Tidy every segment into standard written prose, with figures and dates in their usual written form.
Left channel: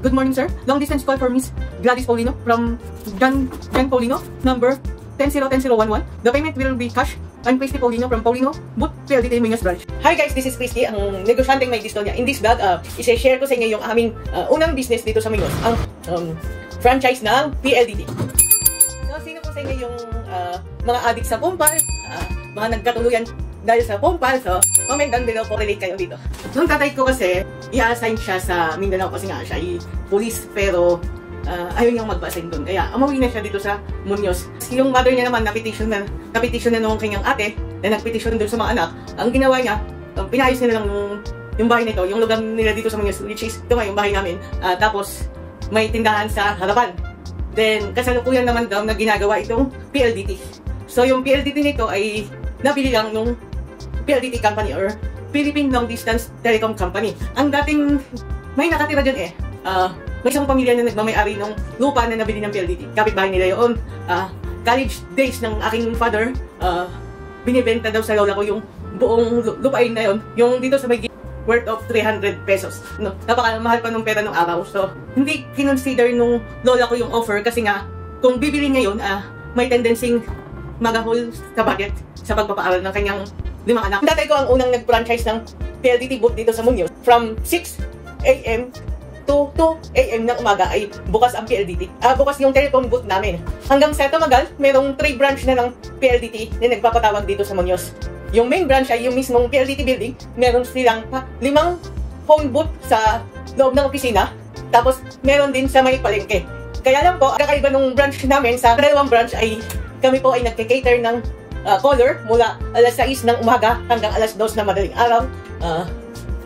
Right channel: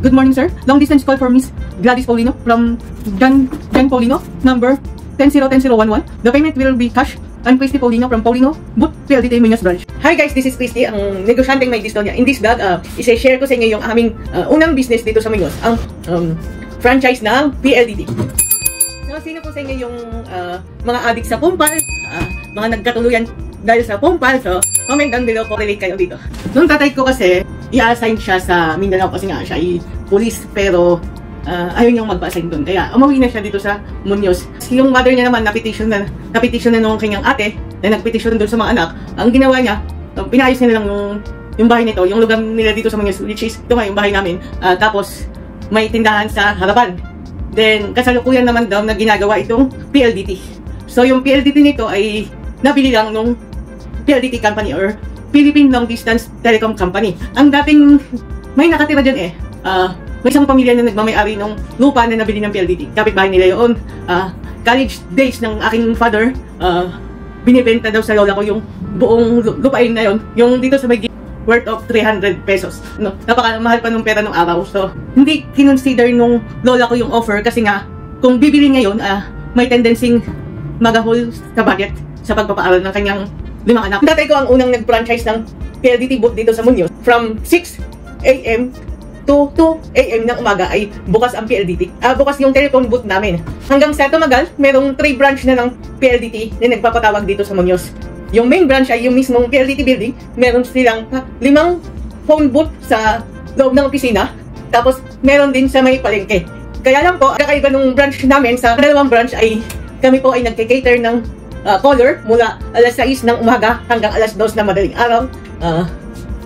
Good morning, sir. Long distance call for Miss Gladys Paulino from John Paulino, number 100101. The payment will be cash. I'm Christy Paulino from Paulino, Boot PLDT Muñoz Branch. Hi guys, this is Christy, ang negosyanteng may discount niya. In this vlog, isa-share ko sa inyo yung aming unang business dito sa Muñoz, ang franchise ng PLDT. So, sino po sa inyo yung mga addict sa Pompal, mga nagkatuluyan dahil sa Pompal, so comment down below po, relate kayo dito. Nung tatay ko kasi, i-assign siya sa Mindanao kasi nga siya ay police, pero ayaw niyang magpa-assign doon. Kaya umuwi na siya dito sa Muñoz. Yung mother niya naman, na-petition na nung kanyang ate, na nag-petition doon sa mga anak. Ang ginawa niya, pinayos nila lang yung bahay nito, yung lugar nila dito sa Muñoz, which is, ito nga yung bahay namin. Tapos, may tindahan sa harapan. Then, kasalukuyan naman daw na ginagawa itong PLDT. So, yung PLDT nito ay nabili lang nung PLDT company or Philippine Long Distance Telecom Company. Ang dating, may nakatira dyan may isang pamilya na nagmamayari ng lupa na nabili ng PLDT. Kapitbahay nila yun. College days ng aking father, binibenta daw sa lola ko yung buong lupain na yun. Yung dito sa may worth of 300 pesos. No? Napakamahal pa nung pera ng araw. So, hindi kinonsider nung lola ko yung offer kasi nga, kung bibili ngayon, may tendency magahol sa budget sa pagpapaaral ng kanyang 5 anak. Tatay ko ang unang nag-franchise ng PLDT booth dito sa Muñoz. From 6 AM to 2 AM ng umaga ay bukas ang PLDT. Bukas yung telephone booth namin. Hanggang sa tumagal, merong 3 branch na ng PLDT na nagpapatawag dito sa Muñoz. Yung main branch ay yung mismong PLDT building. Meron silang 5 phone booth sa loob ng opisina. Tapos meron din sa may palengke. Kaya lang po, kakaiba nung branch namin sa dalawang branch ay kami po ay nagke-cater ng caller mula alas 6 ng umaga hanggang alas 2 na madaling araw.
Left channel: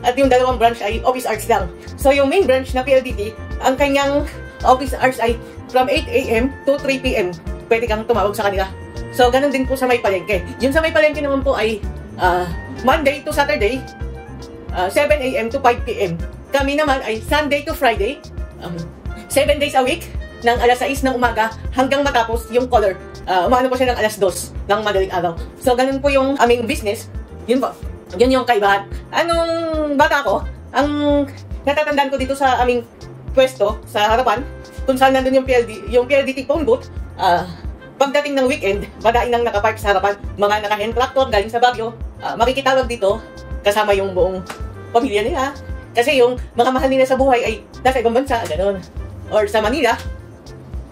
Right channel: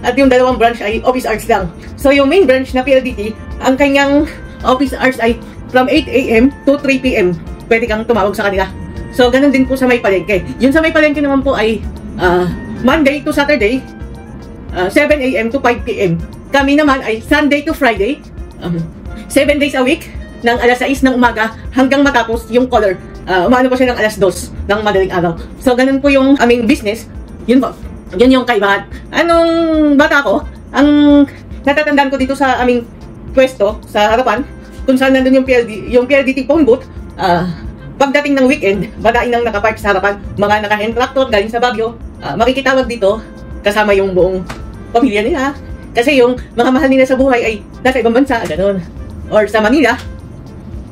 At yung dalawang branch ay office hours lang. So yung main branch na PLDT, ang kanyang office hours ay from 8 AM to 3 PM. Pwede kang tumawag sa kanila. So ganun din po sa may palengke. Yung sa may palengke naman po ay Monday to Saturday, 7 AM to 5 PM. Kami naman ay Sunday to Friday, 7 days a week, ng alas 6 ng umaga hanggang matapos yung caller. Umano po siya ng alas 2 ng madaling araw. So ganun po yung aming business. Yun po. Yan yung kaibahan. Anong bata ko, ang natatandaan ko dito sa aming pwesto, sa harapan, kung saan nandun yung PLDT phone booth, pagdating ng weekend, badain ang nakapark sa harapan, mga naka-hand tractor galing sa Baguio, makikitawag dito, kasama yung buong pamilya nila. Kasi yung mga mahal nila sa buhay ay nasa ibang bansa, gano'n. Or sa Manila,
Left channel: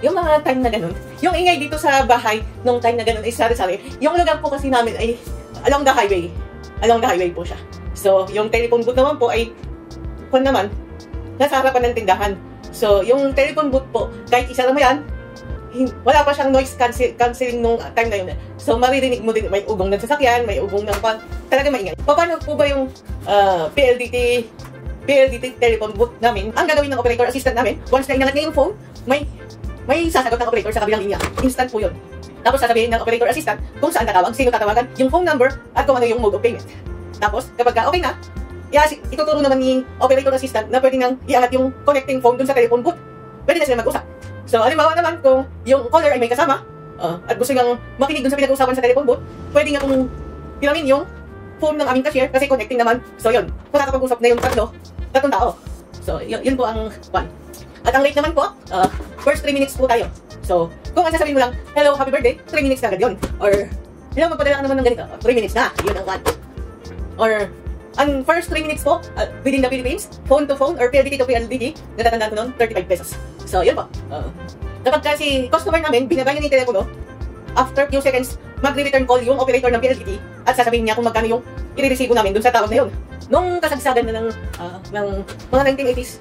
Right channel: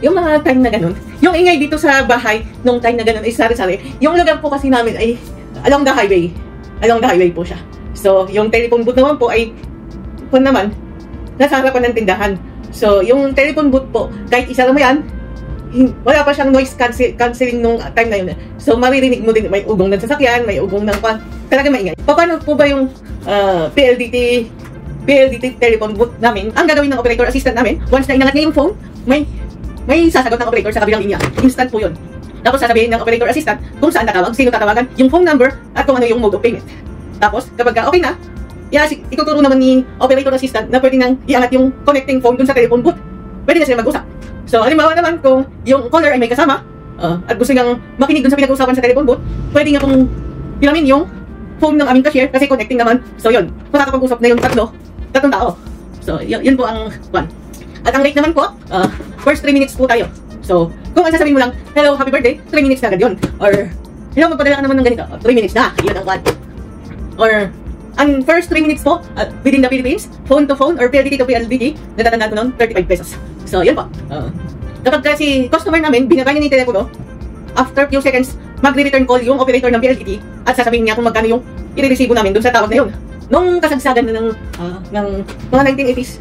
yung mga time na gano'n. Yung ingay dito sa bahay, nung time na gano'n ay sari-sari. Yung lugar po kasi namin ay along the highway. Along the highway po siya. So, yung telephone booth naman po ay, kung naman, nasa harapan ng tindahan. So, yung telephone booth po, kahit isa naman yan, wala pa siyang noise cancelling nung time na yun. So, maririnig mo din, may ugong ng sasakyan, may ugong ng talaga maingay. Paano po ba yung PLDT telephone booth namin? Ang gagawin ng operator assistant namin, once na inangat niya yung phone, may sasagot ng operator sa kabilang linya. Instant po yun. Tapos sasabihin ng operator assistant kung saan tatawag, sino tatawagan, yung phone number, at kung ano yung mode of payment. Tapos, kapag okay na, ituturo naman ni operator assistant na pwede nang iangat yung connecting phone dun sa telephone booth. Pwede na sila mag-usap. So, halimbawa naman, kung yung caller ay may kasama, at gusto nang makinig dun sa pinag-usapan sa telephone booth, pwede nga kung ilamin yung phone ng aming cashier kasi connecting naman. So, yun. Magkakapag-usap na yung tatlong tao. So, yun po ang one. At ang rate naman po, first 3 minutes po tayo. So, kung ang sasabihin mo lang, hello, happy birthday, 3 minutes na agad yun. Or, magpadala ka naman ng ganito, 3 minutes na, yun ang one. Or, ang first 3 minutes po, within the Philippines, phone to phone, or PLDT to PLDT, natatandaan ko nun, 35 pesos. So, yun po. Kapag kasi customer namin, binabay niya yung telepono, after few seconds, magre-return call yung operator ng PLDT, at sasabihin niya kung magkano yung i-receive namin dun sa tawag na yun. Nung kasagsagan na ng mga 1980s,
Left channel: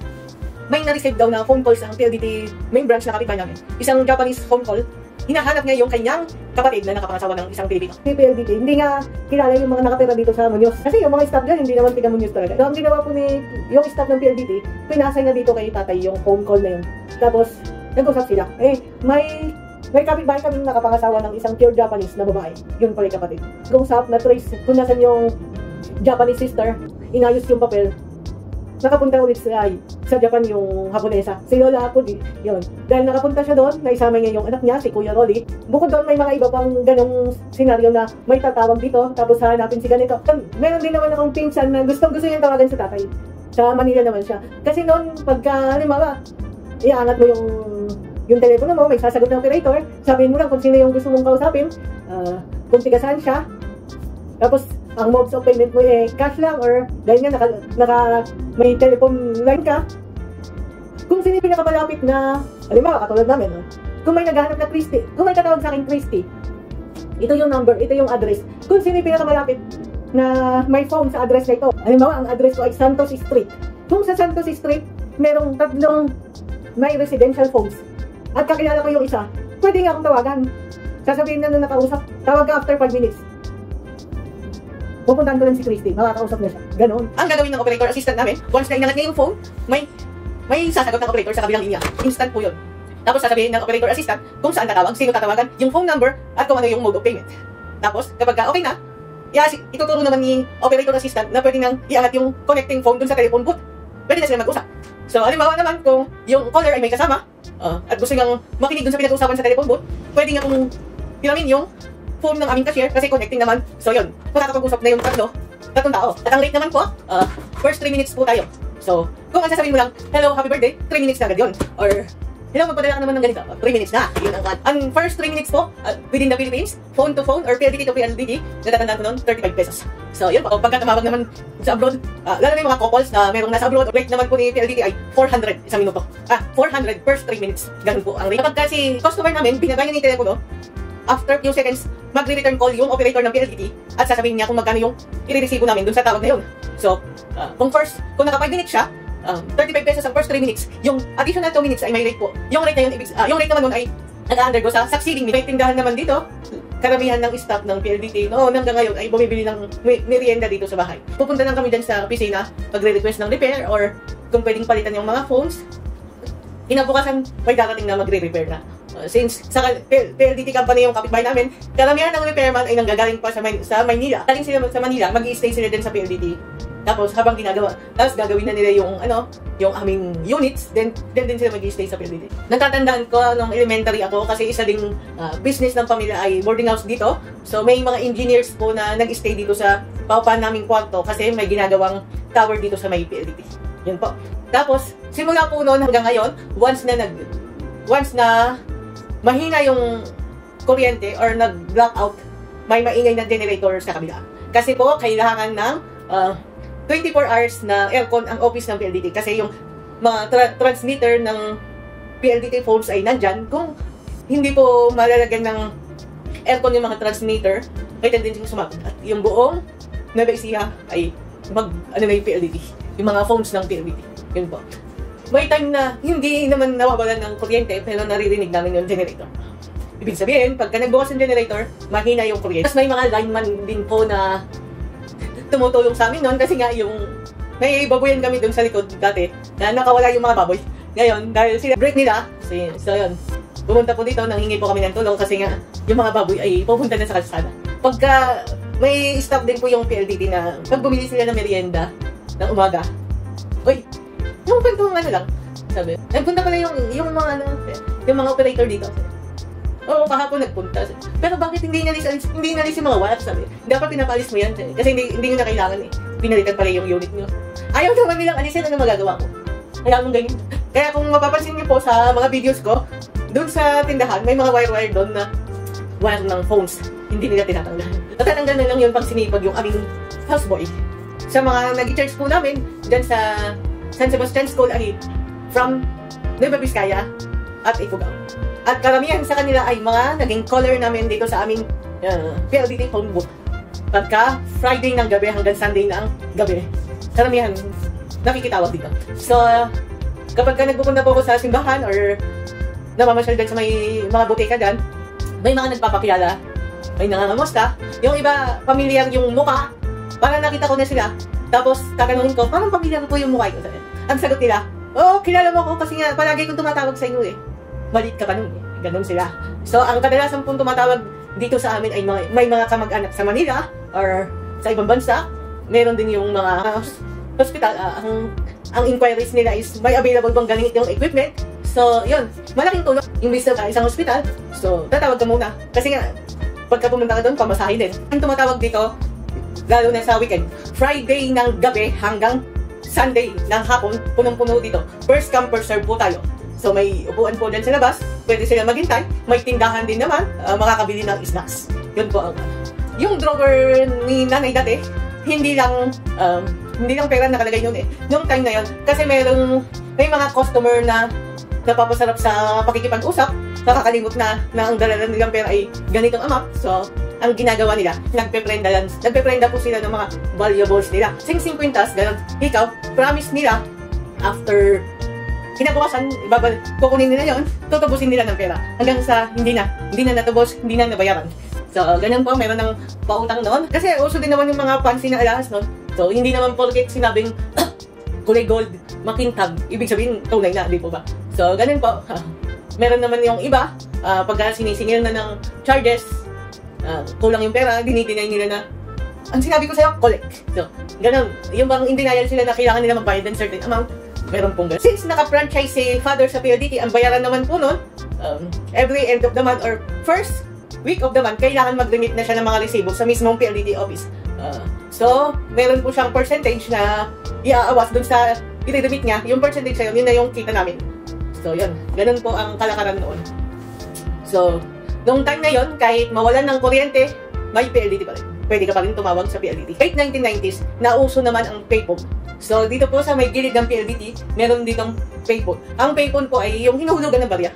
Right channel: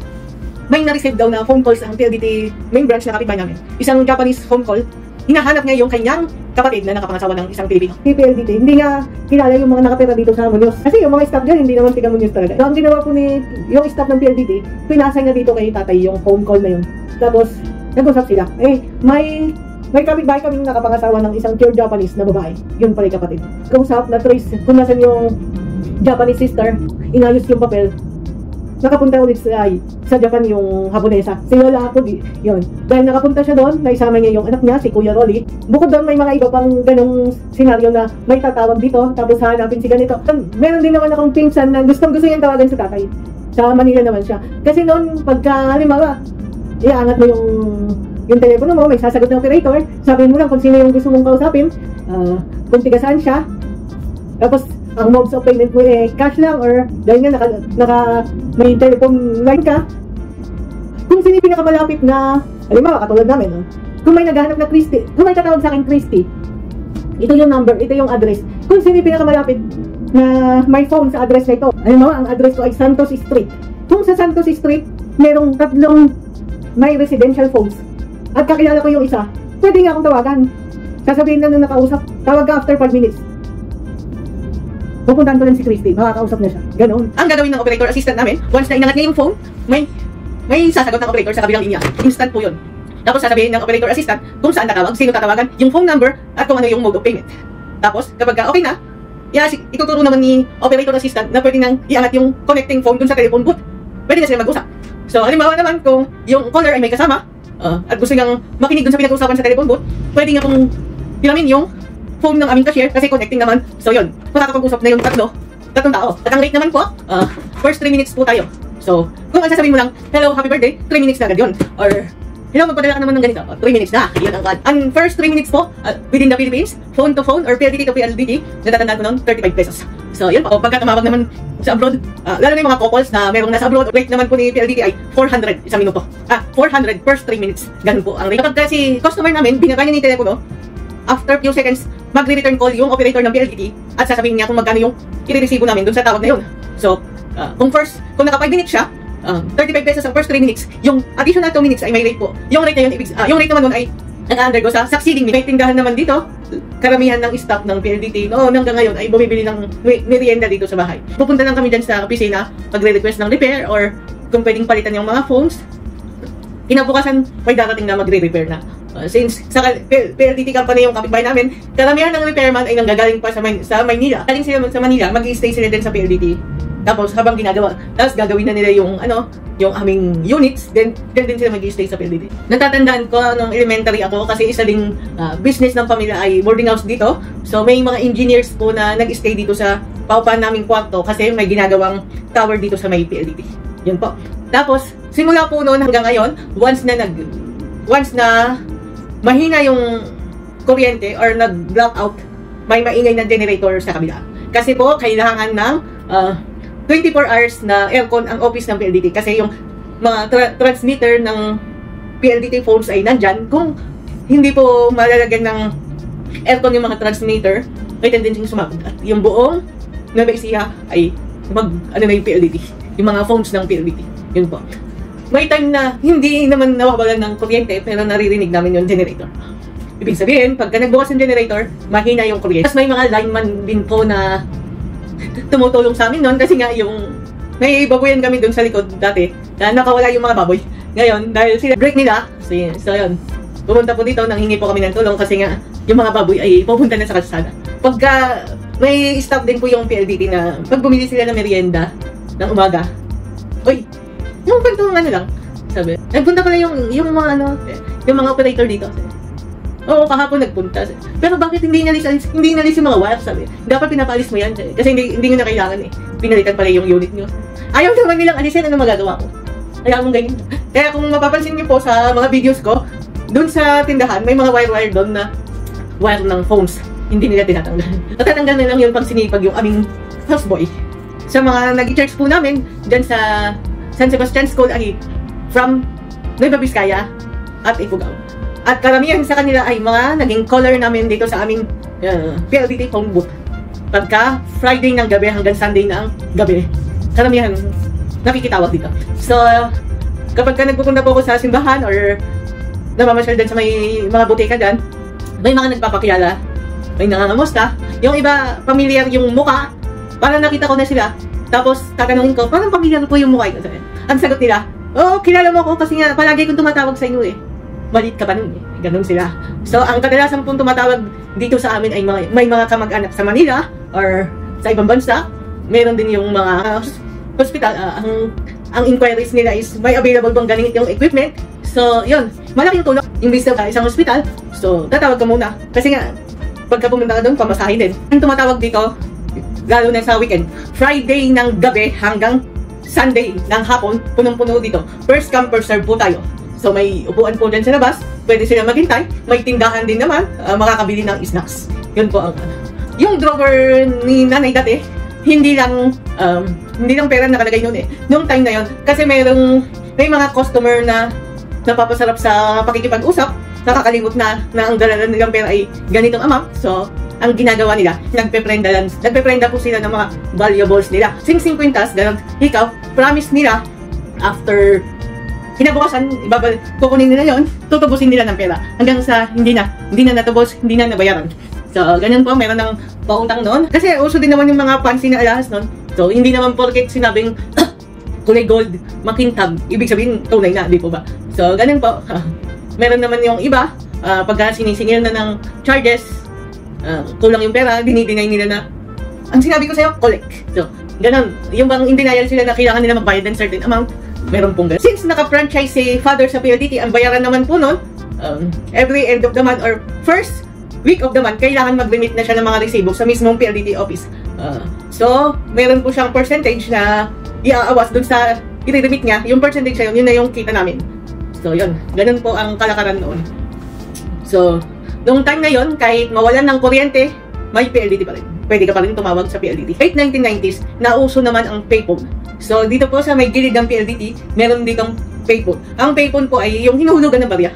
may na-receive daw na phone calls ang PLDT main branch na kapitbahay namin. Isang Japanese phone call, hinahanap niya yung kanyang kapatid na nakapangasawa ng isang Pilipino. Yung PLDT, hindi nga kilala yung mga nakatira dito sa Muñoz. Kasi yung mga staff dyan, hindi naman tiga Muñoz talaga. Ang ginawa po yung staff ng PLDT, pinasay na dito kay tatay yung phone call na yun. Tapos, nag-usap sila. May kapitbahay kami nakapangasawa ng isang pure Japanese na babae. Yun pala yung kapatid. Kausap, na-trace kung nasan yung Japanese sister, inayos yung papel. Nakapunta ulit sa Japan yung Haponesa. Si Lola ako, yun. Dahil nakapunta siya doon, naisama niya yung anak niya, si Kuya Rolly. Bukod doon, may mga iba pang ganong senaryo na may tatawag dito, tapos hanapin si ganito. Meron din naman akong pinsan na gustong-gusto niyang tawagan sa tatay. Sa Manila naman siya. Kasi noon, pagka, halimbawa, iangat mo yung telepono mo, may sasagot na operator, sabihin mo lang kung sino yung gusto mong kausapin, kung tiga saan siya, tapos ang modes of payment mo cash lang or dahil nga may telephone line ka, kung sino yung pinakamalapit na, halimbawa, katulad namin, kung may naghahanap na Christy, kung may tatawag sa akin Christy, ito yung number, ito yung address. Kung sino yung pinakamalapit na may phone sa address na ito, halimbawa, ang address ko ay Santos Street. Kung sa Santos Street, merong tatlong may residential phones at kakilala ko yung isa, pwede nga akong tawagan. Sasabihin na nung nakausap, tawag ka after 5 minutes. Pupuntahan ko lang si Christy, makakausap na siya. Ganon. Ang gagawin ng operator assistant namin, once na inangat niya yung phone, may sasagot ng operator sa kabilang linya. Instant po yun. Tapos sasabihin ng operator assistant kung saan tatawag, sino tatawagan, yung phone number, at kung ano yung mode of payment. Tapos, kapag okay na, ituturo naman ni operator assistant na pwede nang iangat yung connecting phone dun sa telephone booth. Pwede na sila mag-usap. So, halimbawa naman kung yung caller ay may kasama, at gusto nang makinig dun sa pinag-usapan sa telephone booth, pwede nga pong ilamin yung phone ng aming cashier kasi connecting naman. So, yun. Makakapag-usap na yung tatlong tao. At ang rate naman po, first 3 minutes po tayo. So, kung sasabihin mo lang, hello, happy birthday, 3 minutes na agad yun. Or, magpadala ka naman ng ganito, 3 minutes na. Yun ang first 3 minutes po, within the Philippines, phone to phone or PLDT to PLDT, natatandaan ko noon, 35 pesos. So, yun po. Pagka tumawag naman sa abroad, lalo na yung mga couples na merong nasa abroad, rate naman po ni PLDT ay 400 isang minuto. 400 first 3 minutes. Ganun po ang rate. Kapag kasi customer namin, binabay niya ni telepono, after few seconds, magre-return call yung operator ng PLDT at sasabihin niya kung magkano yung i-receive namin dun sa tawag na yun. So, kung naka 5 minutes siya, 35 pesos ang first 3 minutes. Yung additional 2 minutes ay may rate po. Yung rate na yun, yung rate naman nun ay nag-undergo sa succeeding. May tindahan naman dito, karamihan ng staff ng PLDT hanggang ngayon ay bumibili ng merienda dito sa bahay. Pupunta lang kami dyan sa opisina, magre-request ng repair or kung pwedeng palitan yung mga phones. Kinabukasan, may darating na magre-repair na. Since sa PLDT company yung kapitbahay namin, karamihan ng repairman ay nanggagaling pa sa Maynila. Galing sila sa Manila, mag-i-stay sila din sa PLDT. Tapos habang tapos gagawin na nila yung aming units, then din sila mag-i-stay sa PLDT. Natatandaan ko nung elementary ako kasi isa ding business ng pamilya ay boarding house dito. So may mga engineers po na nag-stay dito sa paupahan naming kwarto kasi may ginagawang tower dito sa may PLDT. Yun po. Tapos simula po noon hanggang ngayon, once na mahina yung kuryente or nag-blackout, may maingay na generator sa kabila. Kasi po, kailangan ng 24 hours na aircon ang office ng PLDT. Kasi yung mga transmitter ng PLDT phones ay nandyan. Kung hindi po malalagyan ng aircon yung mga transmitter, may tendency sumapunta. Yung buong nabaisiya ay na yung PLDT. Yung mga phones ng PLDT. Yun po. May time na hindi naman nawawalan ng kuryente pero naririnig namin yung generator. Ibig sabihin, pagka nagbukas yung generator, mahina yung kuryente. Tapos may mga lineman din po na tumutulong sa amin noon kasi nga yung may baboyan kami dun sa likod dati na nakawala yung mga baboy. Ngayon, dahil sila break nila, so yun. Pumunta po dito, nanghingi po kami ng tulong kasi nga yung mga baboy ay pupunta na sa kalsada. Pagka may stop din po yung PLDT na pag bumili sila ng merienda ng umaga, yung kantong lang, sabi. Nagpunta pala yung mga operator dito. Oo, kahapon nagpunta. Pero bakit hindi nalis yung mga wires, sabi. Dapat pinapalis mo yan, kasi hindi nyo na kailangan Pinalitan pala yung unit nyo. Ayaw naman nilang alisin, ano magagawa ko? Ayaw mong ganyan. Kaya kung mapapansin nyo po sa mga videos ko, dun sa tindahan, may mga wire doon na wire ng phones. Hindi nila tinatanggal. Natatanggal na lang yung pagsinipag yung aming houseboy. Sa mga nag-i-charge po namin, dyan sa San Sebastian School ay from Nueva Vizcaya at Ifugao. At karamihan sa kanila ay mga naging caller namin dito sa aming PLDT phone booth. Pagka Friday ng gabi hanggang Sunday ng gabi. Karamihan nakikitawag dito. So, kapag nagpupunta po ako sa simbahan or namamasyal dyan sa may mga butika dyan, may mga nagpapakilala, may nangangamusta. Yung iba, pamilyar yung mukha, parang nakita ko na sila. Tapos, tatanungin ko, parang pamilyar po yung mukha ito. Ang sagot nila, kilala mo ko kasi nga palagi kong tumatawag sa inyo Maliit ka pa nun Ganon sila. So, ang kadalasan pong tumatawag dito sa amin ay may mga kamag-anak sa Manila or sa ibang bansa. Meron din yung mga hospital. Ang inquiries nila is may available bang ganitong equipment. So, yun. Malaking tulong. Imbis na isang hospital. So, tatawag ka muna. Kasi nga, pagka pumunta ka doon, pamasahin din. Ang tumatawag dito, lalo na sa weekend, Friday ng gabi hanggang Sunday ng hapon, punong-puno dito. First come, first serve po tayo. So may upuan po dyan sa labas, pwede sila maghintay. May tindahan din naman, makakabili ng snacks. Yun po ang yung drawer ni nanay dati, hindi lang pera nakalagay noon eh. Noong time na yun, kasi may mga customer na napapasarap sa pakikipag-usap, nakakalimot na ang dalalan nilang pera ay ganitong amount. So, ang ginagawa nila, nagpe-prenda po sila ng mga valuables nila. Sing-sing kwintas, ganun. Ikaw, promise nila, after kinabukasan, kukunin nila yon, tutubusin nila ng pera. Hanggang sa hindi na natubos, hindi na nabayaran. So, ganyan po, meron ng pautang doon. Kasi uso din naman yung mga fancy na alahas noon. So, hindi naman porket sinabing kulay gold, makintab, ibig sabihin tunay na, di po ba? So, ganyan po. Meron naman yung iba, pagka sinisingil na ng charges, kulang yung pera, dinideny nila na, ang sinabi ko sa'yo, collect. So, ganun. Yung bang in denial sila na kailangan nila magbayad ng certain amount, meron pong ganun. Since naka-franchise si father sa PLDT, ang bayaran naman po nun, every end of the month or first week of the month, kailangan mag-remit na siya ng mga resibo sa mismong PLDT office. So, meron po siyang percentage na iaawas dun sa i-remit niya. Yung percentage na yun na yung kita namin. So, yun. Ganun po ang kalakaran noon. So, noong time na yun, kahit mawalan ng kuryente, may PLDT pa rin. Pwede ka pa rin tumawag sa PLDT. Late 1990s, nauso naman ang payphone. So, dito po sa may gilid ng PLDT, meron ditong payphone. Ang payphone po ay yung hinuhulugan ng barya.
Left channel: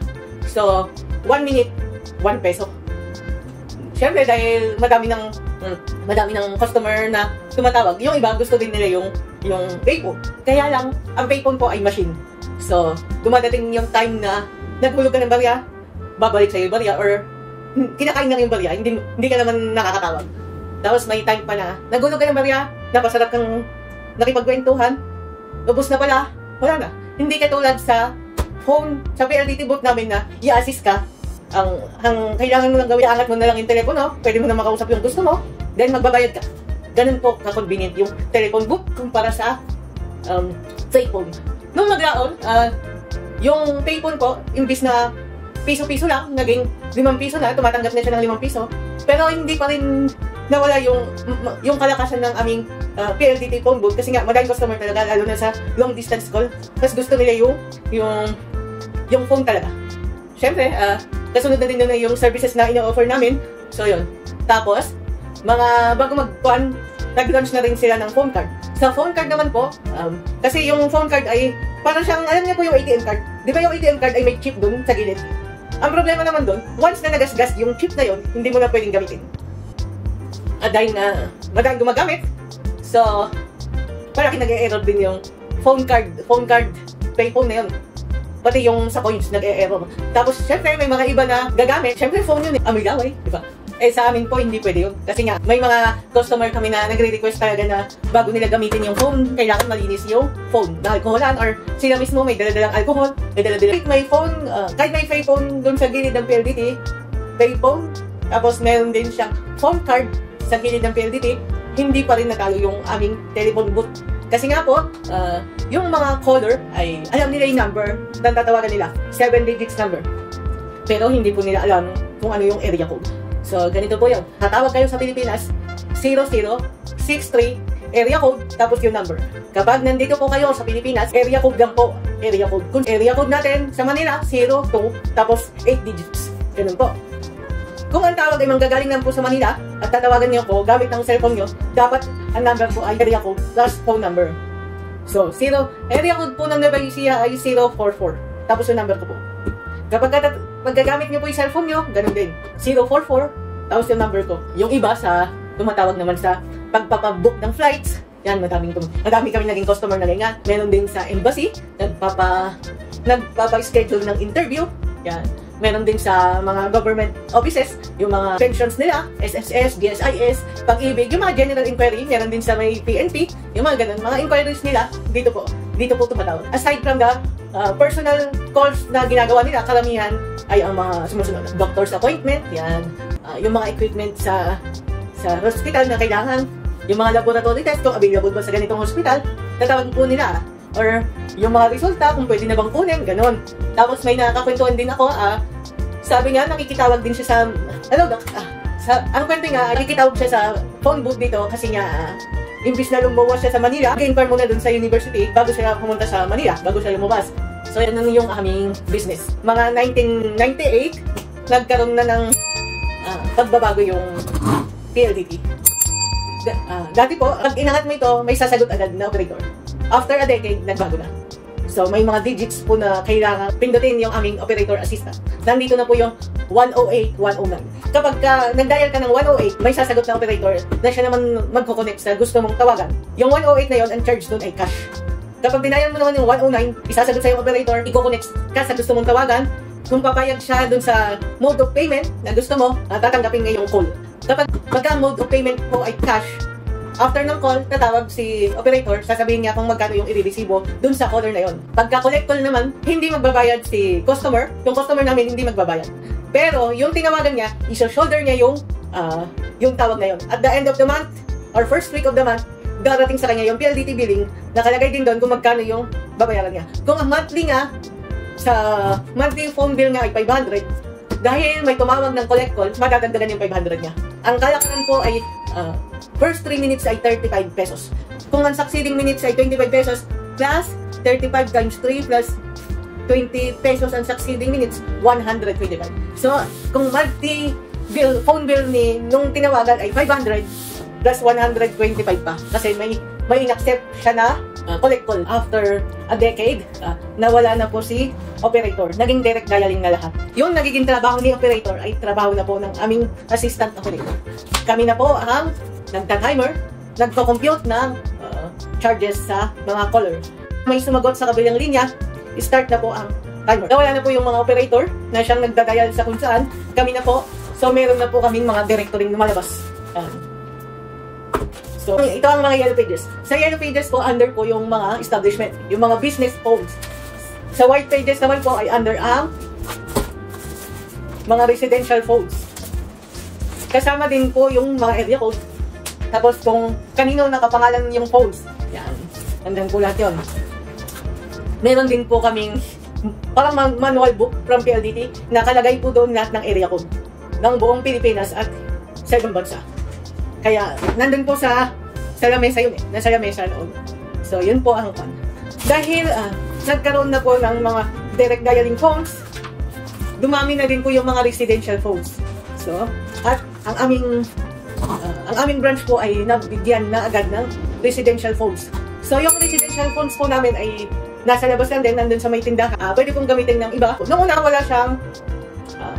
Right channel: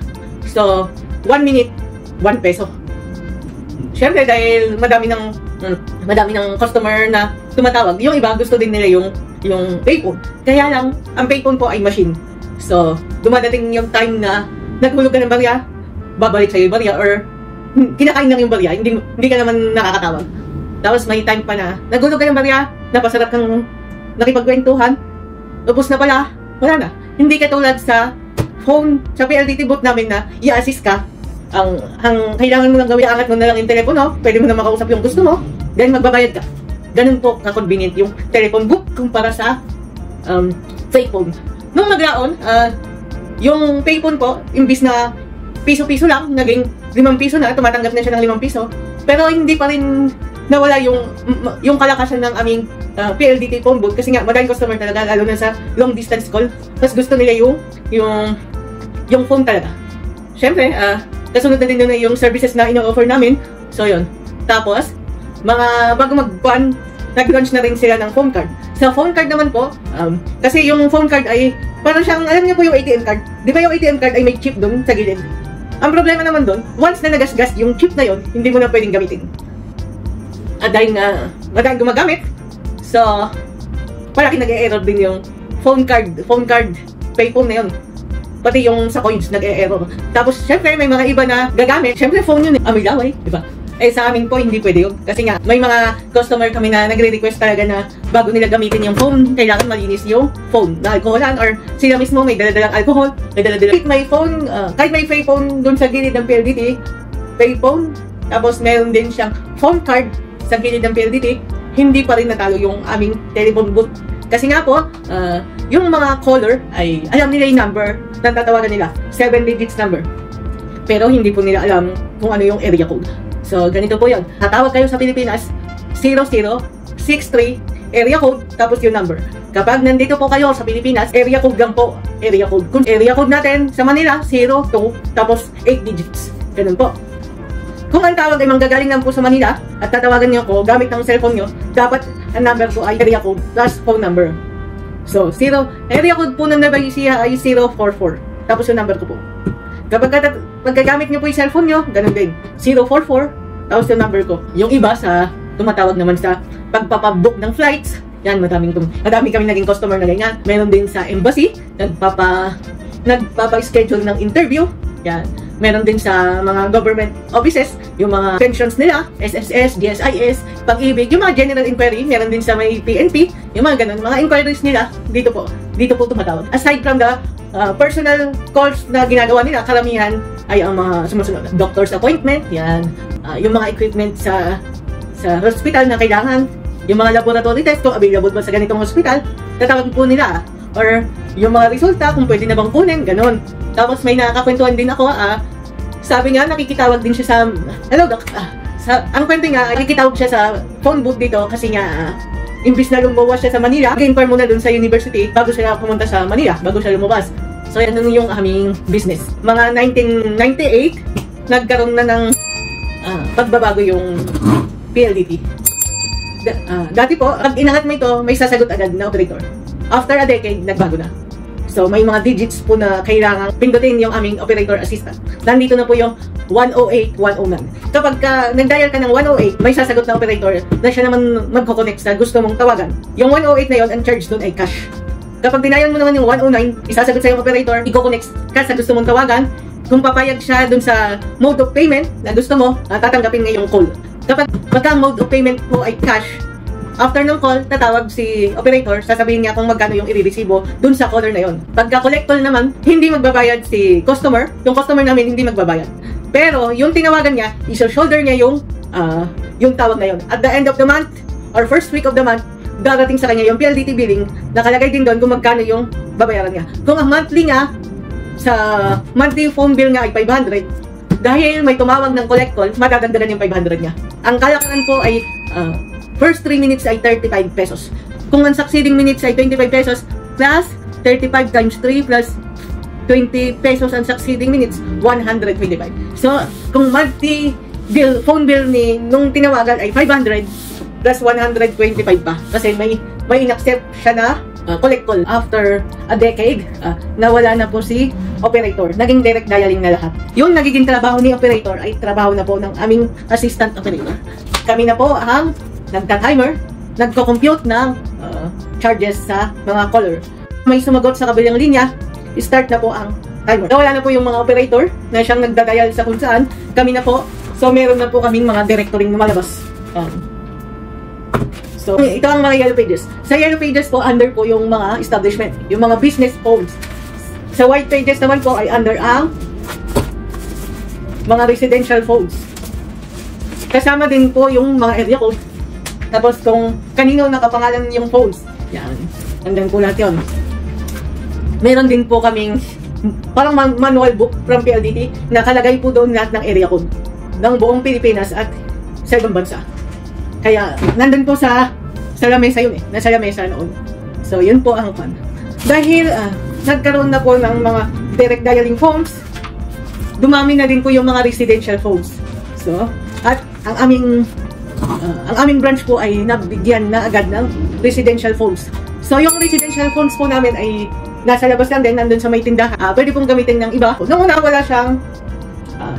So, 1 minute, 1 peso. Siyempre, dahil madami ng customer na tumatawag, yung iba gusto din nila yung payphone. Kaya lang, ang payphone po ay machine. So, dumadating yung time na naghulog ka ng barya, babalik sa'yo yung barya, or kinakain lang yung barya, hindi ka naman nakakatawag. Tapos may time pa na naghulog ka ng barya, napasarap kang nakipagkwentuhan, lubos na pala, wala na. Hindi katulad sa phone, sa PLDT booth namin na i-assist ka. Ang kailangan mo lang gawin, aangat mo na lang yung telepono, pwede mo na makausap yung gusto mo, then magbabayad ka. Ganun po ka-convenient yung telephone book kumpara sa payphone. Nung maglaon, yung payphone po, imbis na piso-piso lang, naging 5 piso na, tumatanggap na siya ng 5 piso, pero hindi pa rin nawala yung kalakasan ng aming PLDT phone booth, kasi nga maraming customer talaga, lalo na sa long distance call, tapos gusto nila yung phone talaga. Siyempre, kasunod na din doon yung services na ino-offer namin. So, yun. Tapos, bago mag-ban, nag-launch na rin sila ng phone card. Sa phone card naman po, kasi yung phone card ay, parang siyang, alam niyo po yung ATM card. Di ba yung ATM card ay may chip doon sa gilid? Ang problema naman doon, once na nagasgas yung chip na yun, hindi mo na pwedeng gamitin. At dahil nga, madaling gumagamit, so, parang nag-e-error din yung phone card, payphone na yun. Pati yung sa coins nag-e-error. Tapos, syempre, may mga iba na gagamit. Syempre, phone yun eh. May laway, diba? Eh, sa amin po, hindi pwede yun. Kasi nga, may mga customer kami na nagre-request talaga na bago nila gamitin yung phone, kailangan malinis yung phone na alcoholan, or sila mismo may dala-dalang alcohol, may dala-dalang. Kahit may payphone doon sa gilid ng PLDT, payphone, tapos meron din siyang phone card sa gilid ng PLDT, hindi pa rin natalo yung aming telephone booth. Kasi nga po, yung mga caller ay alam nila yung number na tatawagan nila, 7 digits number. Pero hindi po nila alam kung ano yung area code. So, ganito po yun. Tatawag kayo sa Pilipinas, 0063, area code, tapos yung number. Kapag nandito po kayo sa Pilipinas, area code lang po. Area code. Kung area code natin sa Manila, 02, tapos 8 digits. Ganun po. Kung ang tawag ay manggagaling lang po sa Manila at tatawagan niyo ko gamit ng cellphone niyo, dapat ang number po ay area code plus phone number. So, area code po ng Nueva ay 044. Tapos yung number ko po. Kapag magagamit niyo po yung cellphone niyo, ganun din. 044, tapos yung number ko. Yung iba sa tumatawag naman sa pagpapabook ng flights, yan, madami kami naging customer na ganyan. Meron din sa embassy, nagpapa-schedule ng interview. Yan. Meron din sa mga government offices, yung mga pensions nila, SSS, GSIS, Pag-ibig, yung mga general inquiry, meron din sa may PNP, yung mga ganun, mga inquiries nila, dito po tumatawag. Aside from the personal calls na ginagawa nila, karamihan ay ang mga sumusunod, doctor's appointment, yan, yung mga equipment sa hospital na kailangan, yung mga laboratory test, kung available ba sa ganitong hospital, tatawag po nila, or yung mga resulta, kung pwede na bang kunin, ganon. Tapos may nakakakwentuhan din ako, sabi nga, nakikitawag din siya sa, ang kwento nga, nakikitawag siya sa phone booth dito, kasi nga, imbis na lumawas siya sa Manila, mag-inform muna dun sa university bago siya pumunta sa Manila, bago siya lumabas. So yan yung aming business. Mga 1998, nagkaroon na ng pagbabago yung PLDT. Dati po, pag inahat mo ito, may sasagot agad na operator. After a decade, nagbago na. So, may mga digits po na kailangan pindutin yung aming operator assistant. Nandito na po yung 108, 109. Kapag nag-dial ka ng 108, may sasagot na operator na siya naman magko-connect sa gusto mong tawagan. Yung 108 na yun, ang charge dun ay cash. Kapag dinayan mo naman yung 109, isasagot sa yung operator, i-connect ka sa gusto mong tawagan. Kung papayag siya dun sa mode of payment na gusto mo, tatanggapin niya yung call. Kapag mode of payment po ay cash, after ng call, tatawag si operator, sasabihin niya kung magkano yung i-receive dun sa caller na yon. Pagka collector naman, hindi magbabayad si customer. Yung customer namin hindi magbabayad. Pero yung tinawagan niya, isa-shoulder niya yung tawag na yon. At the end of the month, or first week of the month, darating sa kanya yung PLDT billing, nakalagay din doon kung magkano yung babayaran niya. Kung ang monthly nga, sa monthly phone bill nga ay 500, dahil may tumawag ng collect call, madadagdagan yung 500 niya. Ang kalakaran po ay first 3 minutes ay 35 pesos. Kung ang succeeding minutes ay 25 pesos plus 35 times 3 plus 20 pesos ang succeeding minutes, 125. So, kung monthly bill, phone bill ni nung tinawagan ay 500 plus 125 pa. Kasi may in-accept siya na collect call. After a decade, nawala na po si operator. Naging direct dialing na lahat. Yung nagiging trabaho ni operator ay trabaho na po ng aming assistant operator. Kami na po ang nagta-timer, nagko-compute ng charges sa mga caller. May sumagot sa kabilang linya, start na po ang timer. Nawala na po yung mga operator na siyang nagda-dial sa kung saan. Kami na po. So, meron na po kaming mga directory na malabas. So, ito ang mga yellow pages. Sa yellow pages po, under po yung mga establishment, yung mga business phones. Sa white pages naman po ay under ang mga residential phones. Kasama din po yung mga area code. Tapos kung kanino nakapangalan yung phones. Yan. Andan po natin. Meron din po kaming parang manual book from PLDT. Nakalagay po doon lahat ng area code ng buong Pilipinas at sa ibang bansa. Kaya nandun po sa lamesa yun eh. Nasa lamesa noon. So yun po ang fun. Dahil nagkaroon na po ng mga direct dialing phones, dumami na din po yung mga residential phones. So, at ang aming branch po ay nabigyan na agad ng residential phones. So, yung residential phones po namin ay nasa labas lang din, nandun sa may tindahan. Pwede pong gamitin ng iba. Noong una wala siyang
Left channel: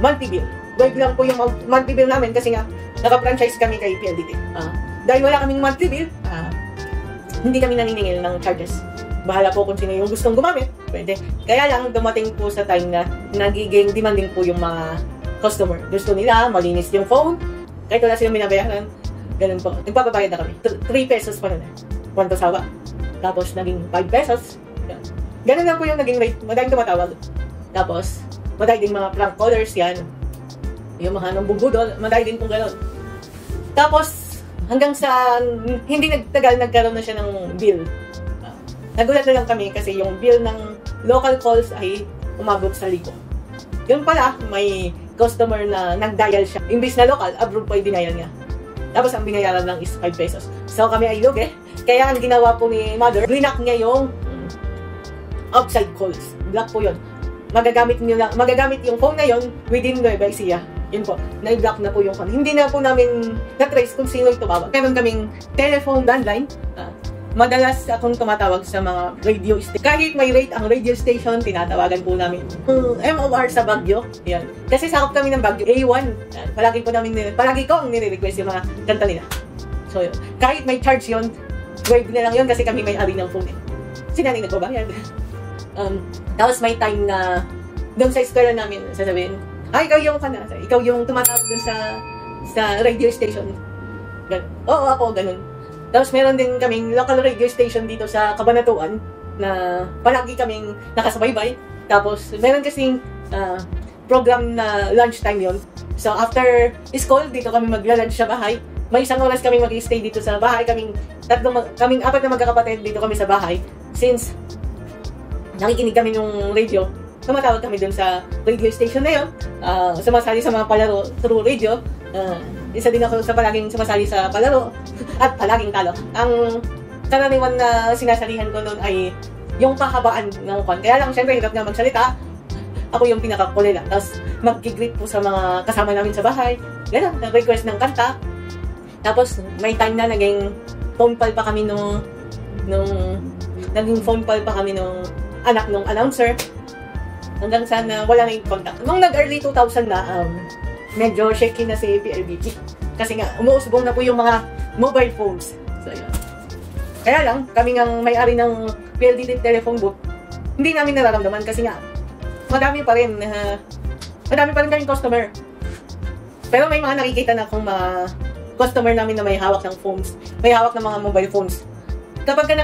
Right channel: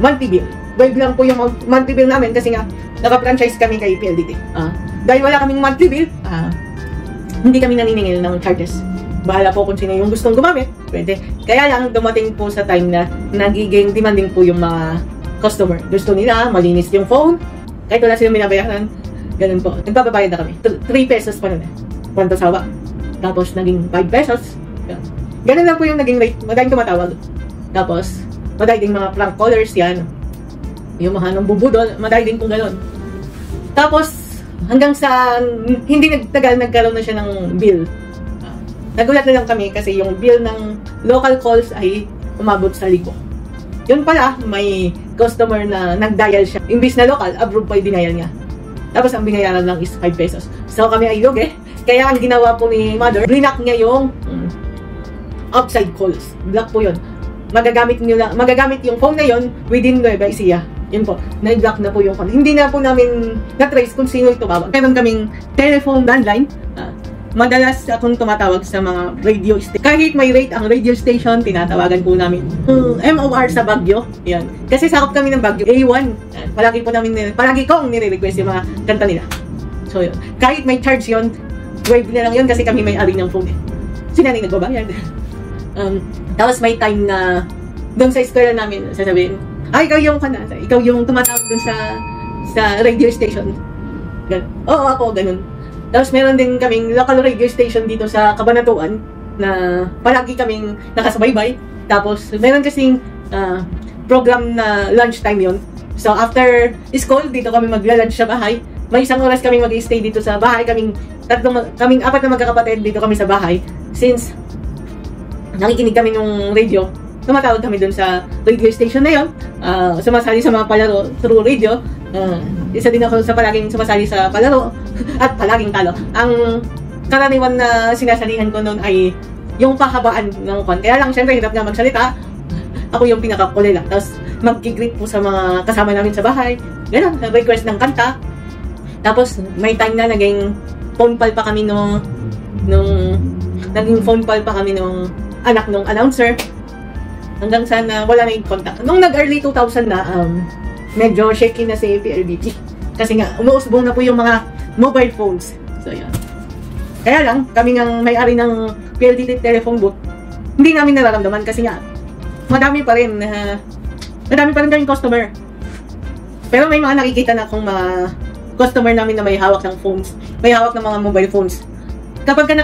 monthly bill. Wave lang po yung monthly bill namin kasi nga naka-franchise kami kay PLDT. Dahil wala kaming monthly bill, hindi kami naniningil ng charges. Bahala po kung sino yung gustong gumamit. Pwede. Kaya lang dumating po sa time na nagiging demanding po yung mga customer. Gusto nila, malinis yung phone. Kahit wala silang binabayaran. Ganun po. Nagpapabayad na kami. 3 pesos pa nun. Kwanta sawa. Tapos naging 5 pesos. Ganun lang po yung naging rate. Madaling tumatawag. Tapos, madaling din mga prank callers yan. Yung mga nang bubudol, madali din pong gano'n. Tapos, hanggang sa hindi nagtagal, nagkaroon na siya ng bill. Nagulat na lang kami kasi yung bill ng local calls ay umabot sa 1,000. Yun pala, may customer na nag-dial siya. Imbis na local, abroad pa yung dinial niya. Tapos, ang binayaran lang is 5 pesos. So, kami ay lugi. Kaya ang ginawa po ni mother, blinak niya yung outside calls. Block po yun. Magagamit yung phone na yun within Nueva Ecija. Yun po, na-block na po yung phone. Hindi na po namin na-trace kung sino yung tumawag. Meron kaming telephone landline. Madalas akong tumatawag sa mga radio station. Kahit may rate ang radio station, tinatawagan po namin. MOR sa Baguio. Yan. Kasi sakop kami ng Baguio. A1. Palagi kong nire-request yung mga kanta nila. So, yun. Kahit may charge yun, wave na lang yun kasi kami may-ari ng phone. Sinanay nagbabayad. Tapos may time na dun sa eskwela namin, sasabihin, ikaw yung tumatawag dun sa radio station. Ganun. Oo, ako, ganun. Tapos meron din kaming local radio station dito sa Cabanatuan na palagi kaming nakasubaybay. Tapos meron kasing program na lunchtime yon. So after school, dito kami magla-lunch sa bahay. May isang oras kaming mag-stay dito sa bahay. Kaming 4 na magkakapatid dito kami sa bahay. Since nakikinig kami ng radio, tumatawag kami dun sa radio station na yun. Sumasali sa mga palaro through radio. isa din ako sa palaging sumasali sa palaro at palaging talo. Ang karaniwan na sinasalihan ko noon ay yung pahabaan ng kwan. Kaya lang, syempre, hirap nga magsalita. Ako yung pinaka-kunela. Tapos, mag-greet po sa mga kasama namin sa bahay. Ganun, nag-request ng kanta. Tapos, may time na naging phone call pa kami nung anak nung announcer. Hanggang sana wala na yung contact. Nung nag-early 2000 na, medyo shaky na si PLDT. Kasi nga, umuusbong na po yung mga mobile phones. So, yun. Kaya lang, kami ngang may-ari ng PLDT telephone book, hindi namin nararamdaman kasi nga, madami pa rin kaming customer. Pero may mga nakikita na akong mga customer namin na may hawak ng phones, may hawak ng mga mobile phones. Pagka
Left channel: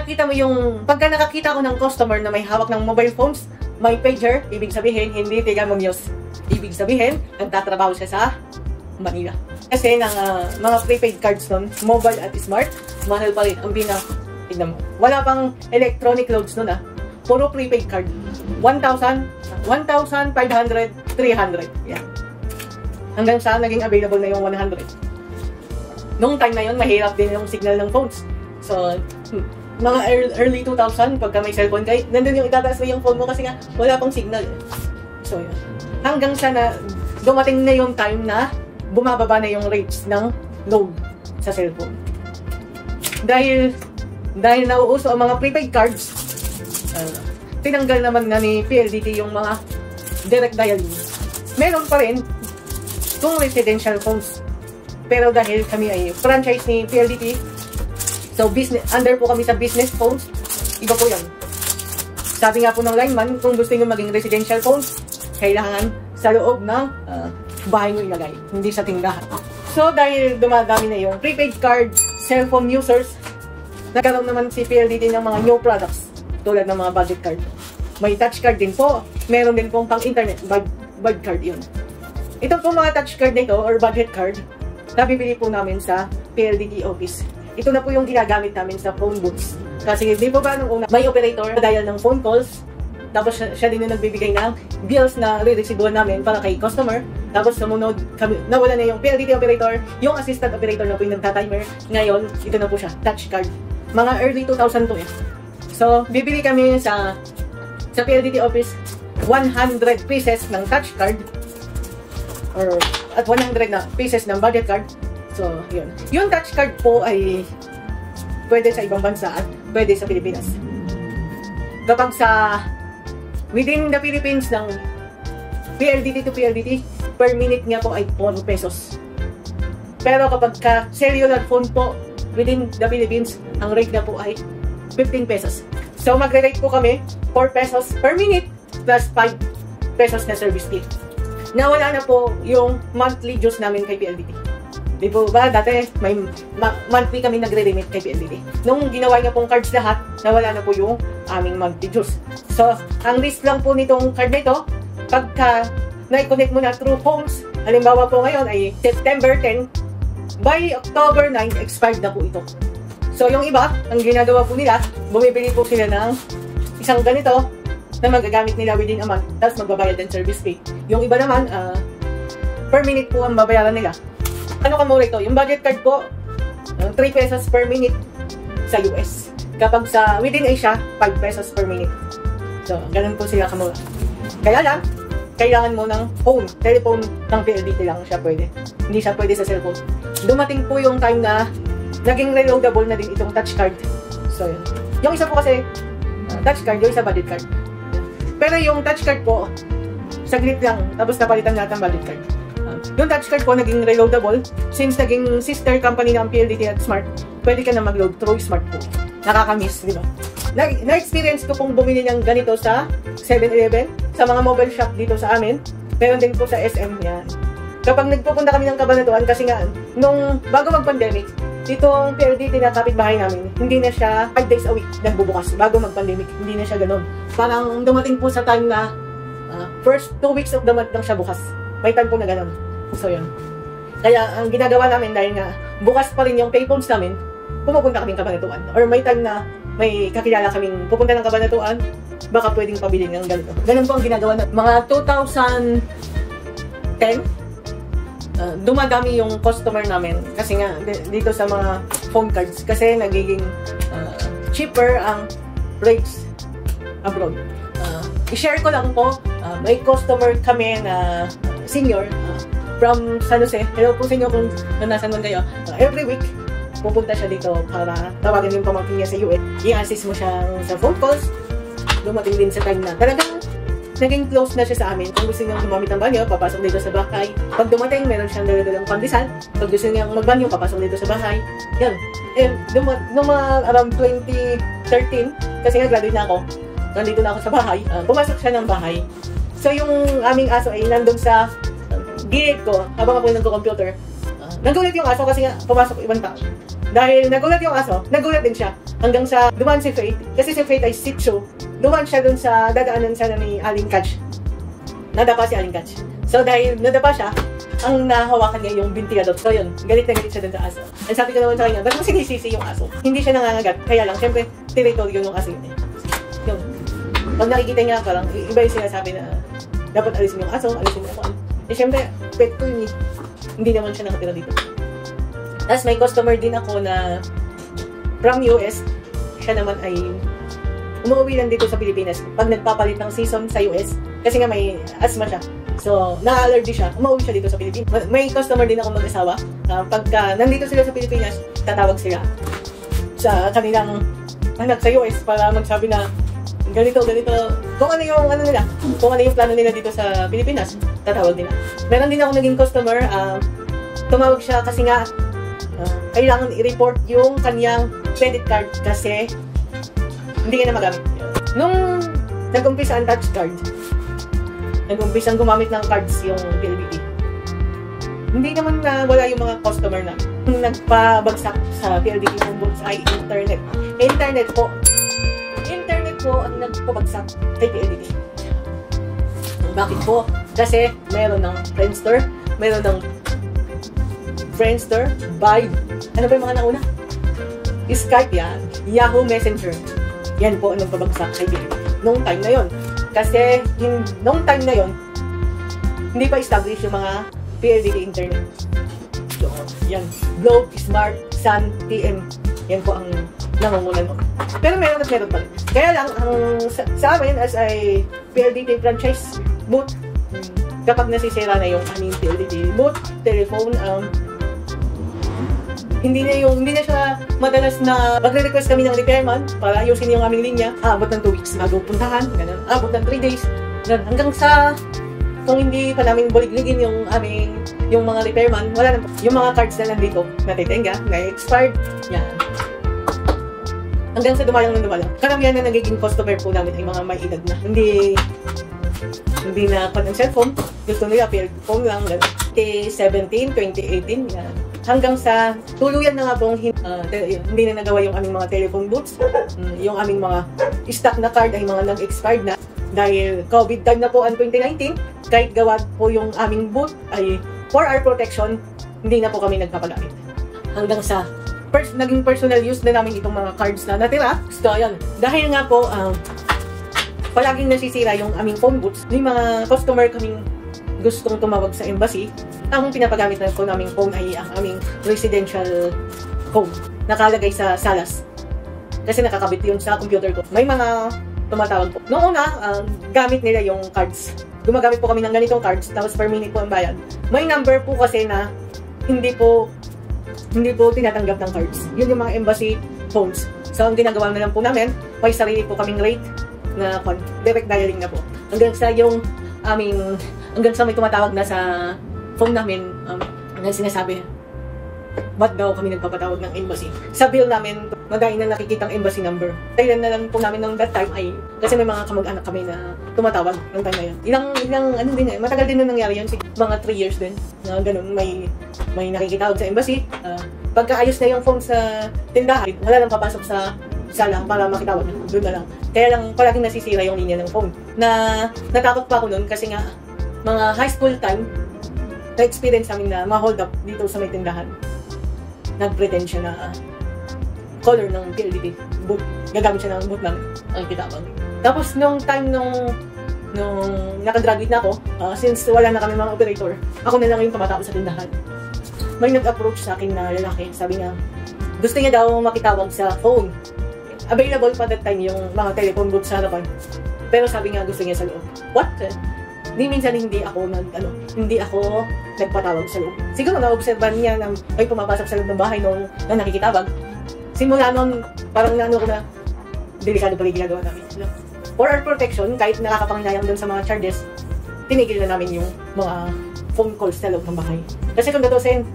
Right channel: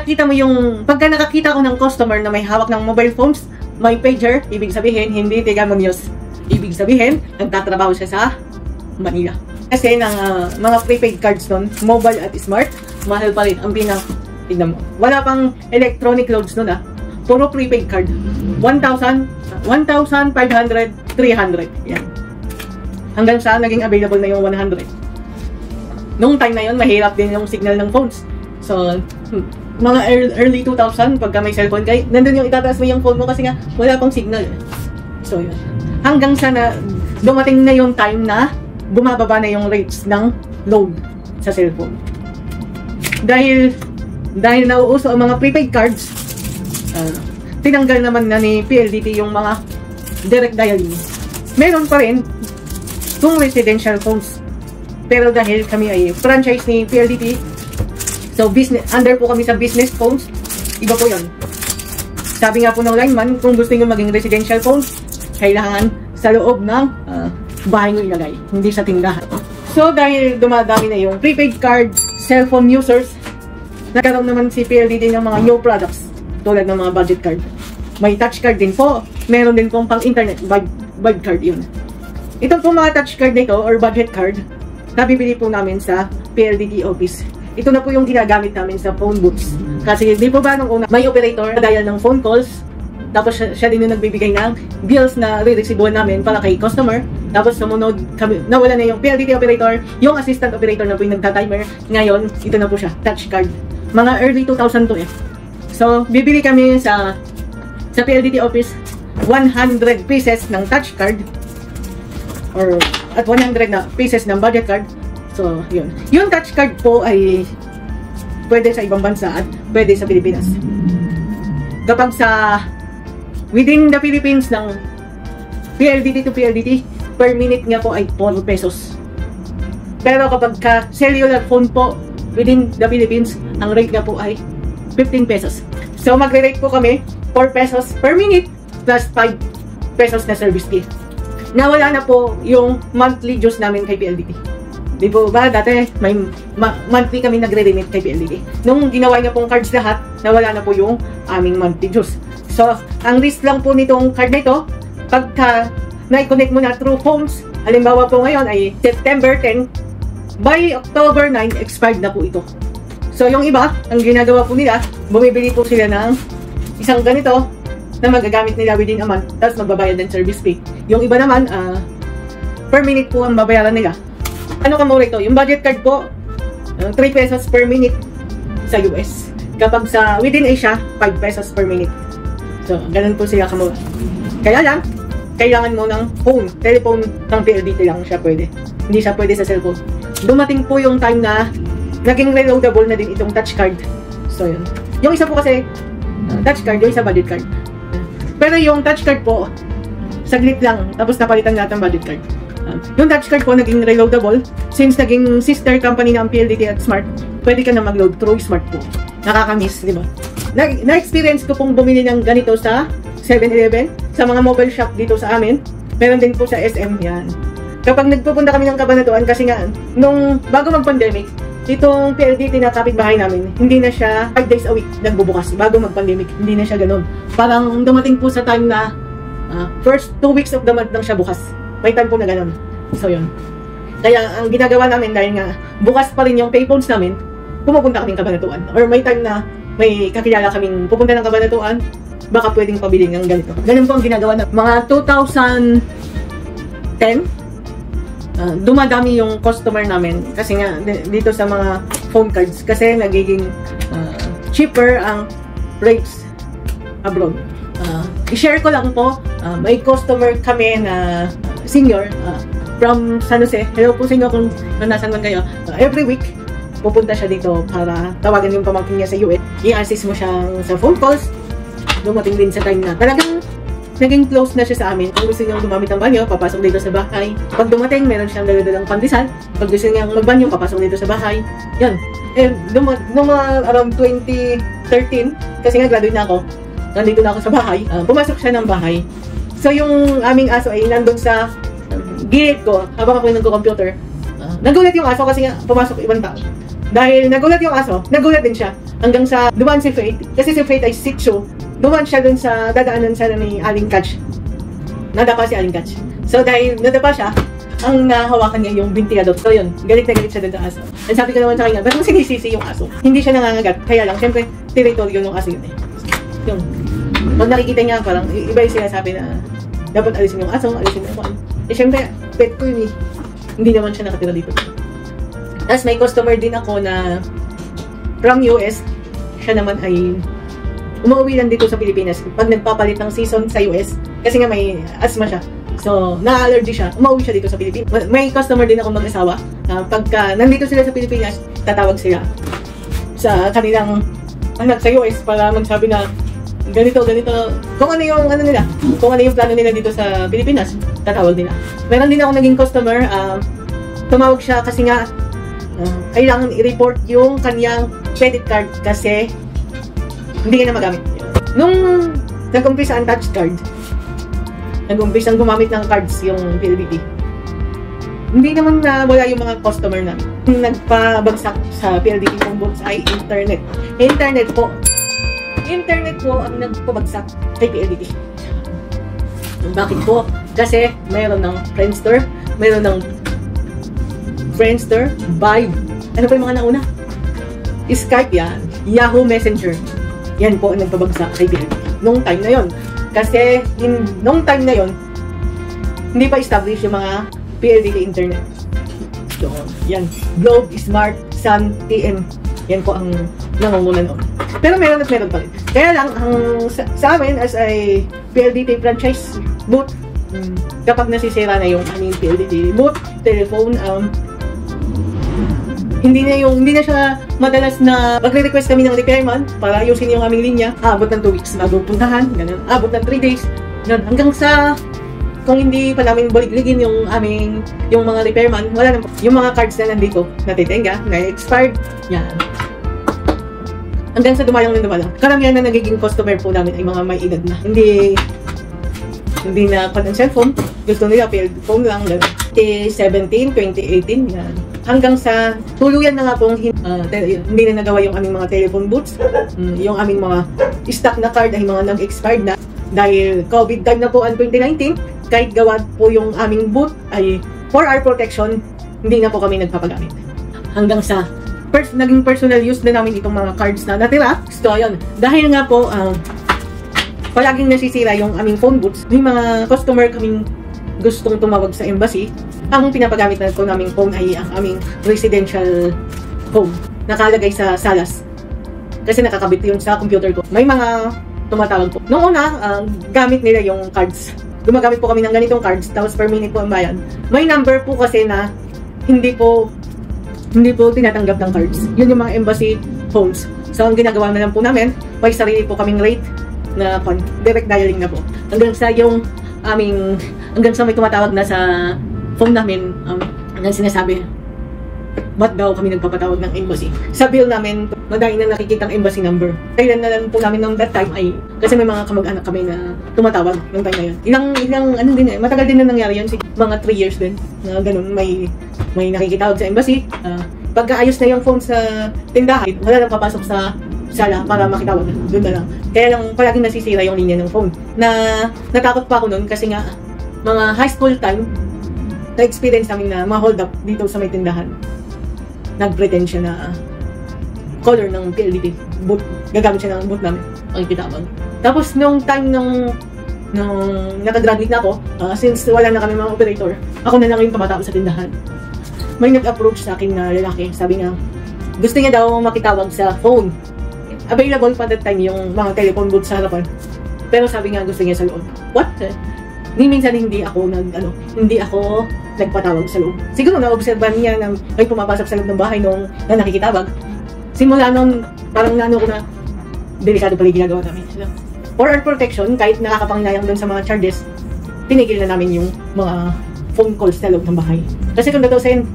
nakakita ko ng customer na may hawak ng mobile phones, may pager, ibig sabihin, hindi tiga mag-use. Ibig sabihin, nagtatrabaho siya sa Manila. Kasi ng mga prepaid cards doon, mobile at smart, mahal pa rin. Ang tignan mo. Wala pang electronic loads nun Puro prepaid card. 1,000, 1,500, 300. Yan. Hanggang sa naging available na yung 100. Nung time na yun, mahirap din yung signal ng phones. So, mga early 2000, pagka may cellphone kayo, nandun yung itataas mo yung phone mo kasi nga, wala pang signal. So, yun. Hanggang sa dumating na yung time na bumababa na yung rates ng load sa cellphone. Dahil nauuso ang mga prepaid cards, tinanggal naman na ni PLDT yung mga direct dialing. Meron pa rin kung residential phones. Pero dahil kami ay franchise ni PLDT, so under po kami sa business phones, iba po yun. Sabi nga po ng lineman, kung gusto nyo maging residential phones, kailangan sa loob ng bahay nyo ilagay, hindi sa tindahan. So dahil dumadami na yung prepaid card, cellphone users, nagkaroon naman si PLDT ng mga new products tulad ng mga budget card. May touch card din po. Meron din pong pang-internet budget card yun. Ito po mga touch card nito or budget card, nabibili po namin sa PLDT office. Ito na po yung ginagamit namin sa phone booths. Kasi di po ba nung una, may operator na dial ng phone calls, tapos siya din yung nagbibigay ng bills na re-receive namin para kay customer. Tapos namunod kami, nawala na yung PLDT operator, yung assistant operator na po yung nagta-timer. Ngayon, ito na po siya, touch card. Mga early 2002 So, bibili kami sa PLDT office 100 pieces ng touch card at 100 na pieces ng budget card. So, yun. Yung touch card po ay pwede sa ibang bansa at pwede sa Pilipinas. Kapag sa within the Philippines ng PLDT to PLDT, per minute nga po ay 4 pesos. Pero kapag ka cellular phone po within the Philippines, ang rate na po ay 15 pesos. So, magre-rate po kami 4 pesos per minute plus 5 pesos na service fee. Nawala na po yung monthly dues namin kay PLDT. Di po ba, dati may monthly kami nagre-remit kay PLDT. Nung ginawa niyo pong cards lahat, nawala na po yung aming monthly dues. So, ang risk lang po nitong card nito, pagka na-connect mo na through phones, halimbawa po ngayon ay September 10, by October 9, expired na po ito. So, yung iba, ang ginagawa po nila, bumibili po sila ng isang ganito na magagamit nila within a month, tapos magbabayad ng service fee. Yung iba naman, per minute po ang babayaran nila. Ano kamura ito? Yung budget card po, 3 pesos per minute sa US. Kapag sa within Asia, 5 pesos per minute. So, ganun po sila kamura. Kaya lang, kailangan mo ng phone, telephone ng PLDT lang siya pwede. Hindi siya pwede sa cellphone. Dumating po yung time na naging reloadable na din itong touch card. So, yun. Yung isa po kasi, touch card, yung isa budget card. Pero yung touch card po, saglit lang, tapos napalitan natin budget card. Yung touch card po naging reloadable, since naging sister company ng PLDT at Smart, pwede ka na mag-load through Smart po. Nakakamiss, you know. Na-experience ko pong bumili ng ganito sa 7-Eleven, sa mga mobile shop dito sa amin. Meron din po sa SM, yan. Kapag nagpupunta kami ng Cabanatuan, kasi nga, nung bago mag-pandemic, itong PLDT na kapitbahay namin, hindi na siya 5 days a week nagbubukas bago mag-pandemic. Hindi na siya ganun. Parang dumating po sa time na first 2 weeks of the month lang siya bukas. May time po na ganun. So, yun. Kaya, ang ginagawa namin dahil nga bukas pa rin yung payphones namin, pumupunta kaming Cabanatuan. Or may time na may kakilala kaming pupunta ng Cabanatuan, baka pwedeng pabili ng ganito. Ganun po ang ginagawa na. Mga 2010, dumadami yung customer namin kasi nga dito sa mga phone cards kasi nagiging cheaper ang rates abroad. I-share ko lang po, may customer kami na senior from San Jose. Hello po sa inyo kung nasan man kayo. Every week, pupunta siya dito para tawagan yung pamangkin niya sa US. I-assist mo siya sa phone calls. Dumating din sa time na talagang naging close na siya sa amin. Kung gusto niyang gumamit ng banyo, papasok dito sa bahay. Pag dumating, meron siyang dala-dalang pandesal. Pag gusto niyang magbanyo, papasok dito sa bahay. Yan. Nung mga around 2013, kasi nga graduate na ako, nandito na ako sa bahay, pumasok siya ng bahay. So yung aming aso ay nandun sa gate ko, habang ako yung nagko-computer. Nagulat yung aso kasi nga pumasok ibang tao. Dahil nagulat yung aso, nagulat din siya. Hanggang sa dumaan si Faith. Kasi si Faith ay sick show. Dumaan siya dun sa dadaanan sana ni Aling Catch. Nadapa si Aling Catch. So dahil nadapa siya, ang nahawakan niya yung binti adult. So yun, galit na galit siya dun sa aso. And sabi ko naman sa kanya, ba't mo sinisisi yung aso? Hindi siya nangangagat. Kaya lang, syempre, territory yung aso yun eh. Yun. Pag nakikita niya, parang iba yung sinasabi na dapat alisin yung aso, alisin yung aso. Eh syempre, pet ko yun eh. Hindi naman siya nakatira dito. Tapos may customer din ako na from US. Siya naman ay umuwi lang dito sa Pilipinas pag nagpapalit ng season sa US. Kasi nga may asthma siya. So, na-allergy siya. Umuwi siya dito sa Pilipinas. May customer din ako mag-asawa. Pagka nandito sila sa Pilipinas, tatawag sila sa kanilang anak sa US para magsabi na ganito. Kung ano yung nila, kung ano yung plano nila dito sa Pilipinas, tatawag nila. Meron din ako naging customer, tumawag siya kasi nga kailangan i-report yung kanyang credit card kasi hindi niya na magamit. Nung nag-umpisa ang tax card, nag-umpisa ang gumamit ng cards yung PLDT. Hindi naman na wala yung mga customer na nagpabagsak sa PLDT ng books ay internet. Internet po ang nagpabagsak kay PLDT. Bakit po? Kasi mayroon ng Friendster, mayroon ng Friendster, Vibe. Ano pa yung mga nauna? Skype yan, Yahoo Messenger. Yan po ang nagpabagsak kay PLDT. Noong time na yon. Kasi noong time na yon, hindi pa established yung mga PLDT internet. So, yan. Globe, Smart, Sun, TN. Yan po ang nangungunan ko. Pero meron pa rin. Kaya lang, sa amin as a PLDT franchise booth, kapag nasisira na yung aming PLDT booth, telephone, hindi na siya madalas na magre-request kami ng repairman para ayusin yung aming linya. Abot ng 2 weeks bago puntahan, ganun. Abot ng 3 days. Ganun. Hanggang sa kung hindi pa namin baligligin yung mga repairman, wala na. Yung mga cards na nandito, natitenga, na-expired, yan. Hanggang sa dumalang. Karamihan na nagiging customer po namin ay mga may edad na. Hindi na pa ng cellphone. Gusto nila phone lang. 2017, 2018, yan. Hanggang sa tuluyan na nga po hindi na nagawa yung aming mga telephone booths. Yung aming mga stock na card ay mga nag-expired na. Dahil COVID time na po ang 2019, kahit gawa po yung aming booth ay for our protection, hindi na po kami nagpapagamit. Hanggang sa naging personal use na namin itong mga cards na natira. So, yun. Dahil nga po, palaging nasisira yung aming phone booths, may mga customer kaming gustong tumawag sa embassy. Ang pinapagamit na po naming phone ay ang aming residential phone. Nakalagay sa salas. Kasi nakakabit yun sa computer ko. May mga tumatawag po. Noong una, gamit nila yung cards. Gumagamit po kami ng ganitong cards, tapos per minute po ang bayad. May number po kasi na hindi po tinatanggap ng cards. Yun yung mga embassy phones. So, ang ginagawa na lang po namin, may sarili po kaming rate na direct dialing na po. Hanggang sa may tumatawag na sa phone namin, hanggang sinasabi, ba't daw kami nagpapatawag ng embassy? Sa bill namin, madami na nakikita ang embassy number. Kailan na lang po namin ng that time ay, kasi may mga kamag-anak kami na tumatawag yung time na yun. Matagal din na nangyari yan, mga 3 years din. Ganun, may nakikitawag sa embassy. Pagkaayos na yung phone sa tindahan, wala nang papasok sa sala para makitawag. Doon na lang. Kaya lang palaging nasisira yung linya ng phone. Natakot pa ako noon kasi nga, mga high school time, na-experience namin na ma-hold up dito sa may tindahan. Nag-pretend siya na color ng PLDT boot. Gagamit siya ng boot namin. Ang kitabang. Tapos nung time nung nung nakagraduate na ako, since wala na kami mga operator, ako na lang yung tumatao sa tindahan. May nag-approach sa akin na lalaki, sabi niya, gusto niya daw makitawag sa phone. Available pa that time yung mga telephone booth sa harapan. Pero sabi niya gusto niya sa loob. What? Minsan hindi ako nagpatawag sa loob. Siguro na-observan niya na may pumapasok sa loob ng bahay nung na nakikitawag. Simula nun, parang nano ko na delikado pa rin ginagawa namin. For our protection, kahit nakakapanglayang doon sa mga charges, tinigil na namin yung mga phone calls sa loob ng bahay. Kasi kung natusin,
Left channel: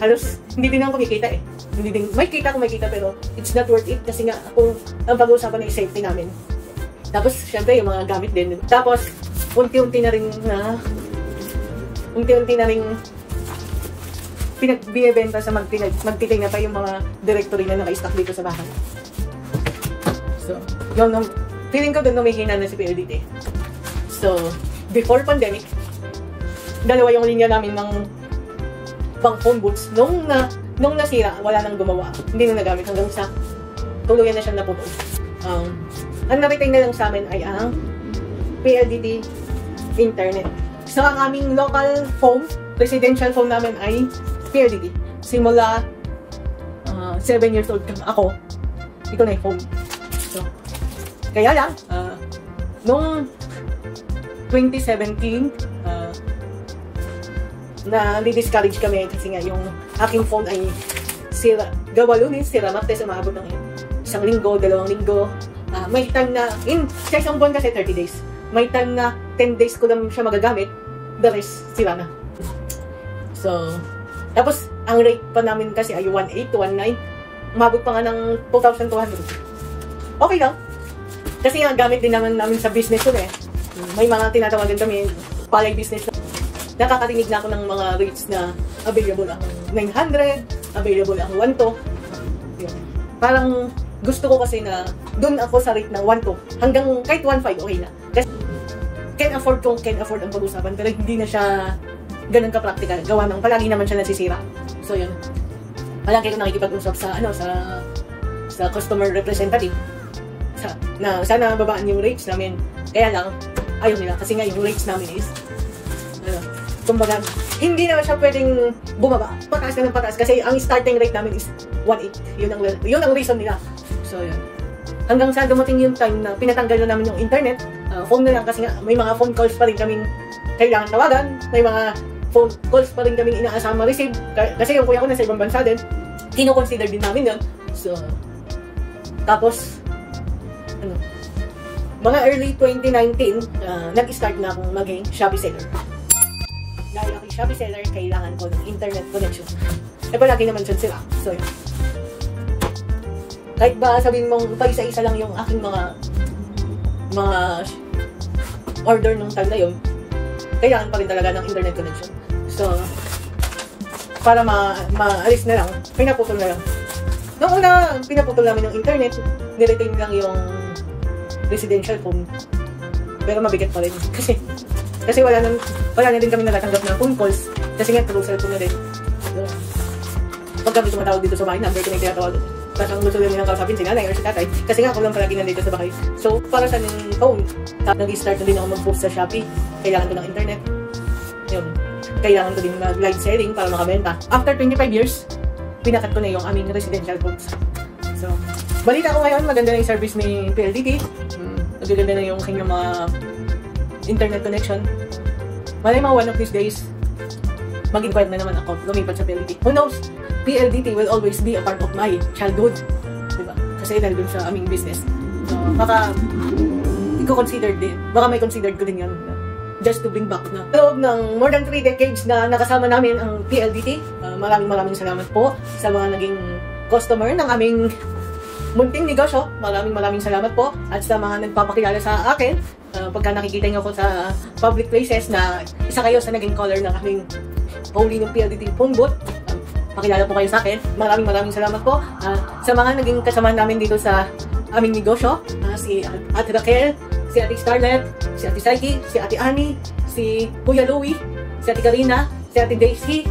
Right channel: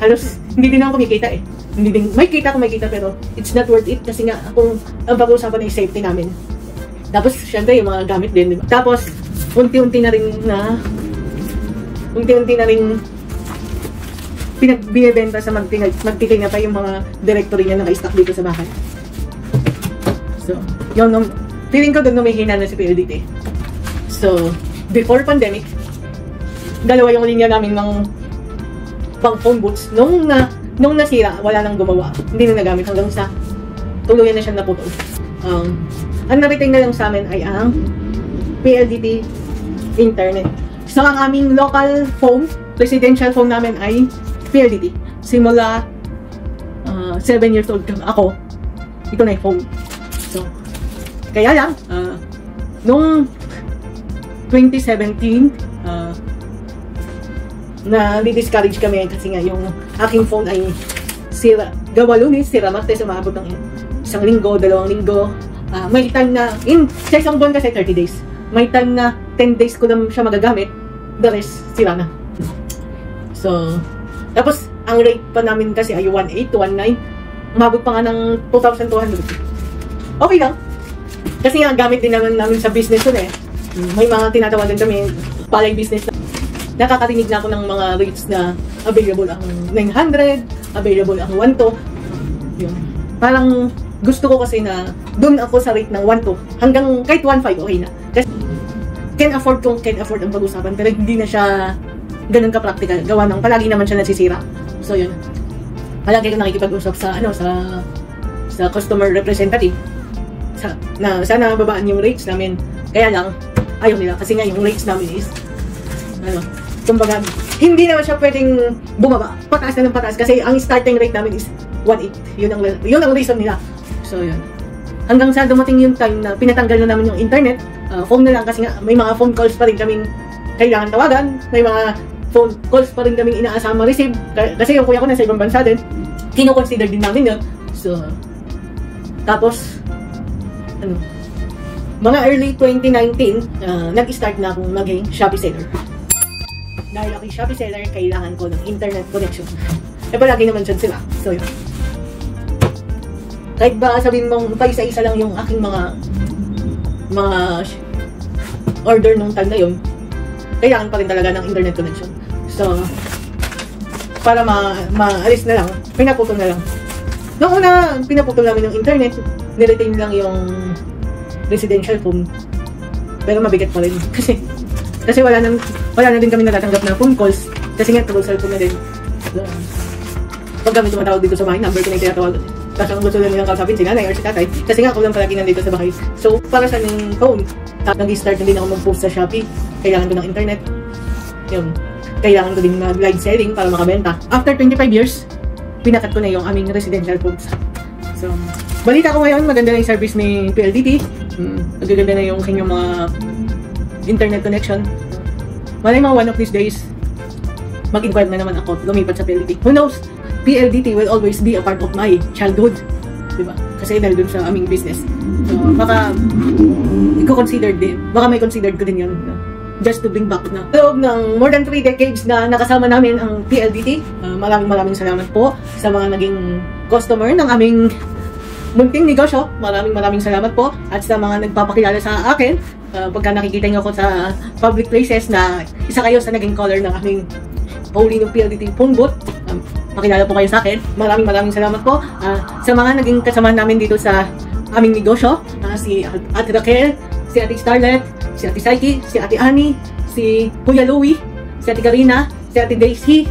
halos hindi din ako kumikita eh. Hindi din, may kita pero it's not worth it kasi nga ang pag-uusapan ay safety namin. Tapos syempre yung mga gamit din. Tapos unti-unti na rin binibenta sa nagtikin na pa yung mga directory na naka-stock dito sa bahay. So, yun, feeling ko doon humihina na si PLDT. So, before pandemic, dalawa yung linya namin pang phone booths. Nung nasira, wala nang gumawa. Hindi na nagamit hanggang sa tuluyan na siya naputol. Ang nariting na lang sa amin ay ang PLDT internet. So, ang aming local phone, residential phone namin ay PLDT. Simula 7 years old ako, ito na yung phone. So, kaya lang, nung 2017, na-discourage kami kasi nga yung aking phone ay sira. Gawa lunis, sira martes, umabot ng 1 linggo, 2 linggo. May time na, sa isang buwan kasi 30 days. May time na 10 days ko lang siya magagamit, the rest, sira na. So, tapos, ang rate pa namin kasi ay 1.8 to 1.9. Umabot pa nga ng 2,200. Okay lang. Kasi nga, gamit din naman namin sa business yun eh. May mga tinatawagan kami, palay business na. Nakakarinig na ako ng mga rates na available ang 900, available ang 1.2. Yun. Parang gusto ko kasi na doon ako sa rate ng 1.2 hanggang kahit 1.5 okay na. Kasi can afford ang pag-usapan pero hindi na siya ganun ka-practical. Gawa ng palagi naman siya nasisira. So yun. Palagi ko nakikipag-usap sa customer representative. Na sana babaan yung rates namin. Kaya lang, ayaw nila. Kasi nga yung rates namin is kumbaga, hindi naman siya pwedeng bumaba. Pataas na ng pataas. Kasi ang starting rate namin is 1.8. Yun ang reason nila. So, yun. Hanggang sa dumating yung time na pinatanggal na namin yung internet, phone na lang kasi nga may mga phone calls pa rin kaming kailangan tawagan. May mga phone calls pa rin kaming inaasama receive. Kasi yung kuya ko nasa ibang bansa din, kino-consider din namin yun. So, tapos, mga early 2019, nag-start na akong maging Shopee seller. Dahil ako'y Shopee seller, kailangan ko ng internet connection. E palagi naman dyan sila. So, yun. Kahit ba sabihin mong pa-isa-isa lang yung aking mga order nung time na yun, kailangan pa rin talaga ng internet connection. So, para ma-alis na lang, pinaputol na lang. Noong una, pinaputol namin yung internet, niretain lang yung residential phone. Pero mabigat pa rin. Kasi wala na din kami natatanggap na phone calls. Kasi nga, trouble cellphone na din. Pag kami tumatawag dito sa bahay, number ko na yung tinatawag. Tapos ang gusto namin ng kausapin, si nanay or si tatay. Kasi nga, ako lang palagi nandito sa bahay. So, para sa phone, nag-start na din ako mag-post sa Shopee. Kailangan ko ng internet. Yun. Kailangan ko din ng live selling para makabenta. After 25 years, pinakat ko na yung aming residential phones. So, balita ko ngayon, maganda na yung service ni PLDT. Maganda na yung inyong mga internet connection. Malay mga one of these days, mag-inquire na naman ako, lumipat sa PLDT. Who knows? PLDT will always be a part of my childhood. Diba? Kasi dahil dun sa aming business. Baka may considered ko din yun. Just to bring back na. Loob ng more than 3 decades na nakasama namin ang PLDT. Maraming salamat po sa mga naging customer ng aming munting negosyo. Maraming salamat po. At sa mga nagpapakilala sa akin, pagka nakikita nyo ako sa public places na isa kayo sa naging caller ng aming Paulino PLDT phone booth, makilala po kayo sa akin. Maraming salamat po. Sa mga naging kasama namin dito sa aming negosyo, si Ate Raquel, si Ate Starlet, si Ate Saiki, si Ate Annie, si Kuya Louie, si Ate Karina, si Ate Daisy,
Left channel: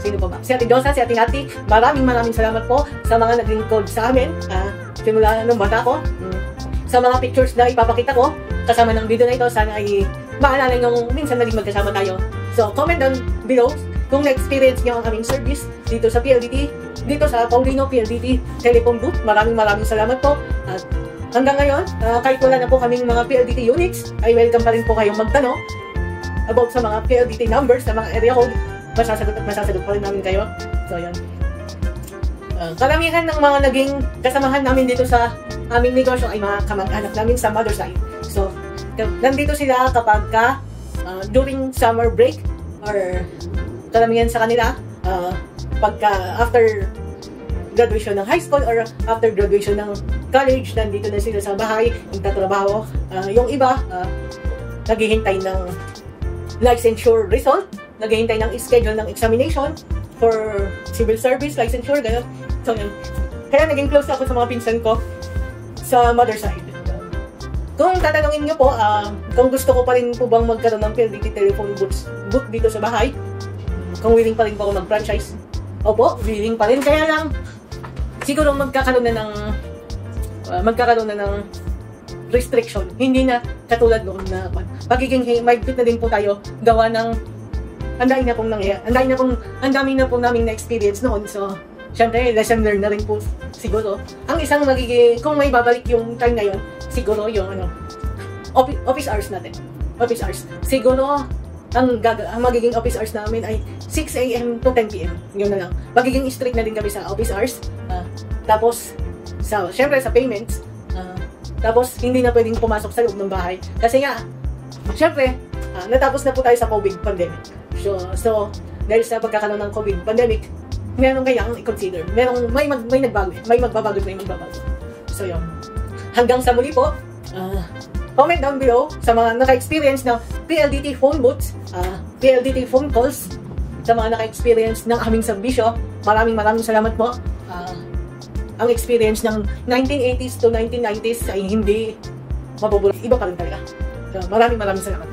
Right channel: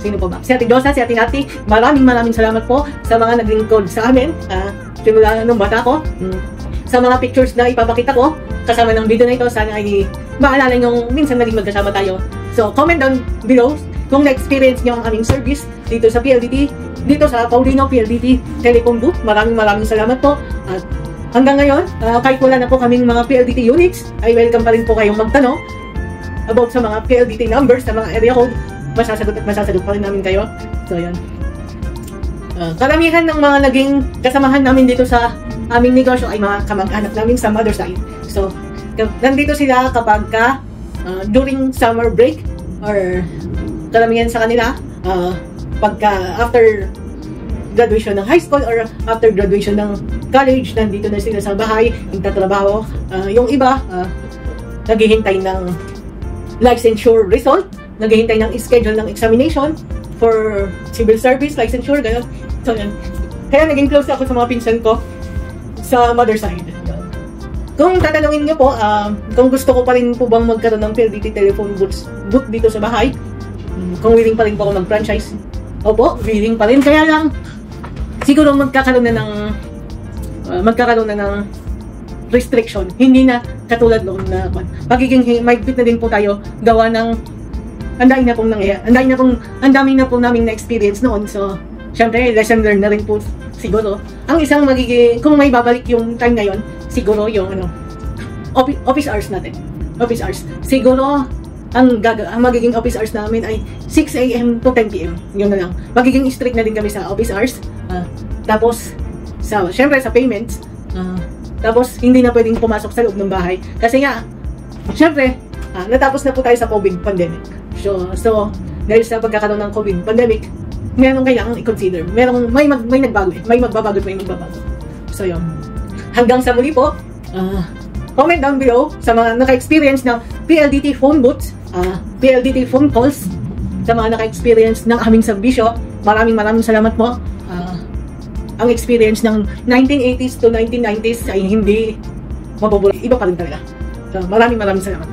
sino po ba? Si Ate Dosa, si Ate Nati. Maraming salamat po sa mga nag-lingkod sa amin. Simula nung bata ko. Sa mga pictures na ipapakita ko, kasama ng video na ito. Sana ay maalala nyo minsan naging magkasama tayo. So, comment down below kung na-experience nyo ang aming service dito sa PLDT, dito sa Paulino PLDT Telecom Group. Maraming salamat po. At hanggang ngayon, kahit wala na po kaming mga PLDT units, ay welcome pa rin po kayong magtanong about sa mga PLDT numbers, sa mga area code. Masasagot pa rin namin kayo. So, yan. Karamihan ng mga naging kasamahan namin dito sa aming negosyo ay mga kamag-anak namin sa mother side. So, nandito sila kapag during summer break or karamihan sa kanila pagka after graduation ng high school or after graduation ng college, nandito na sila sa bahay, nagtatrabaho. Yung iba, naghihintay ng licensure result, naghihintay ng schedule ng examination for civil service, licensure, gano'n. So, yun. Kaya naging close ako sa mga pinsan ko sa mother side. Kung tatanungin nyo po, kung gusto ko pa rin po bang magkaroon ng PLDT telephone booth dito sa bahay, kung willing pa rin po ako mag-franchise, opo, willing pa rin. Kaya lang, siguro magkakaroon na ng restriction. Hindi na katulad noon na magiging may bit na din po tayo gawa ng ang dami na pong naming na-experience noon. So, syempre, lesson learned na rin po siguro. Ang isang magiging, kung may babalik yung time na yun, siguro yung office hours natin. Office hours. Siguro, ang magiging office hours namin ay 6 AM to 10 PM. Yun na lang. Magiging strict na din kami sa office hours. Tapos, syempre sa payments. Tapos, hindi na pwedeng pumasok sa loob ng bahay. Kasi nga, syempre, natapos na po tayo sa COVID pandemic. So dahil sa pagkakaroon ng COVID pandemic, meron kailangan i-consider. May nagbago eh. May magbabago at may magbabago. So yun. Hanggang sa muli po, comment down below sa mga naka-experience ng PLDT phone booths, PLDT phone calls, sa mga naka-experience ng aming serbisyo. Maraming salamat po. Ang experience ng 1980s to 1990s ay hindi mabubura. Iba pa rin talaga. So maraming salamat.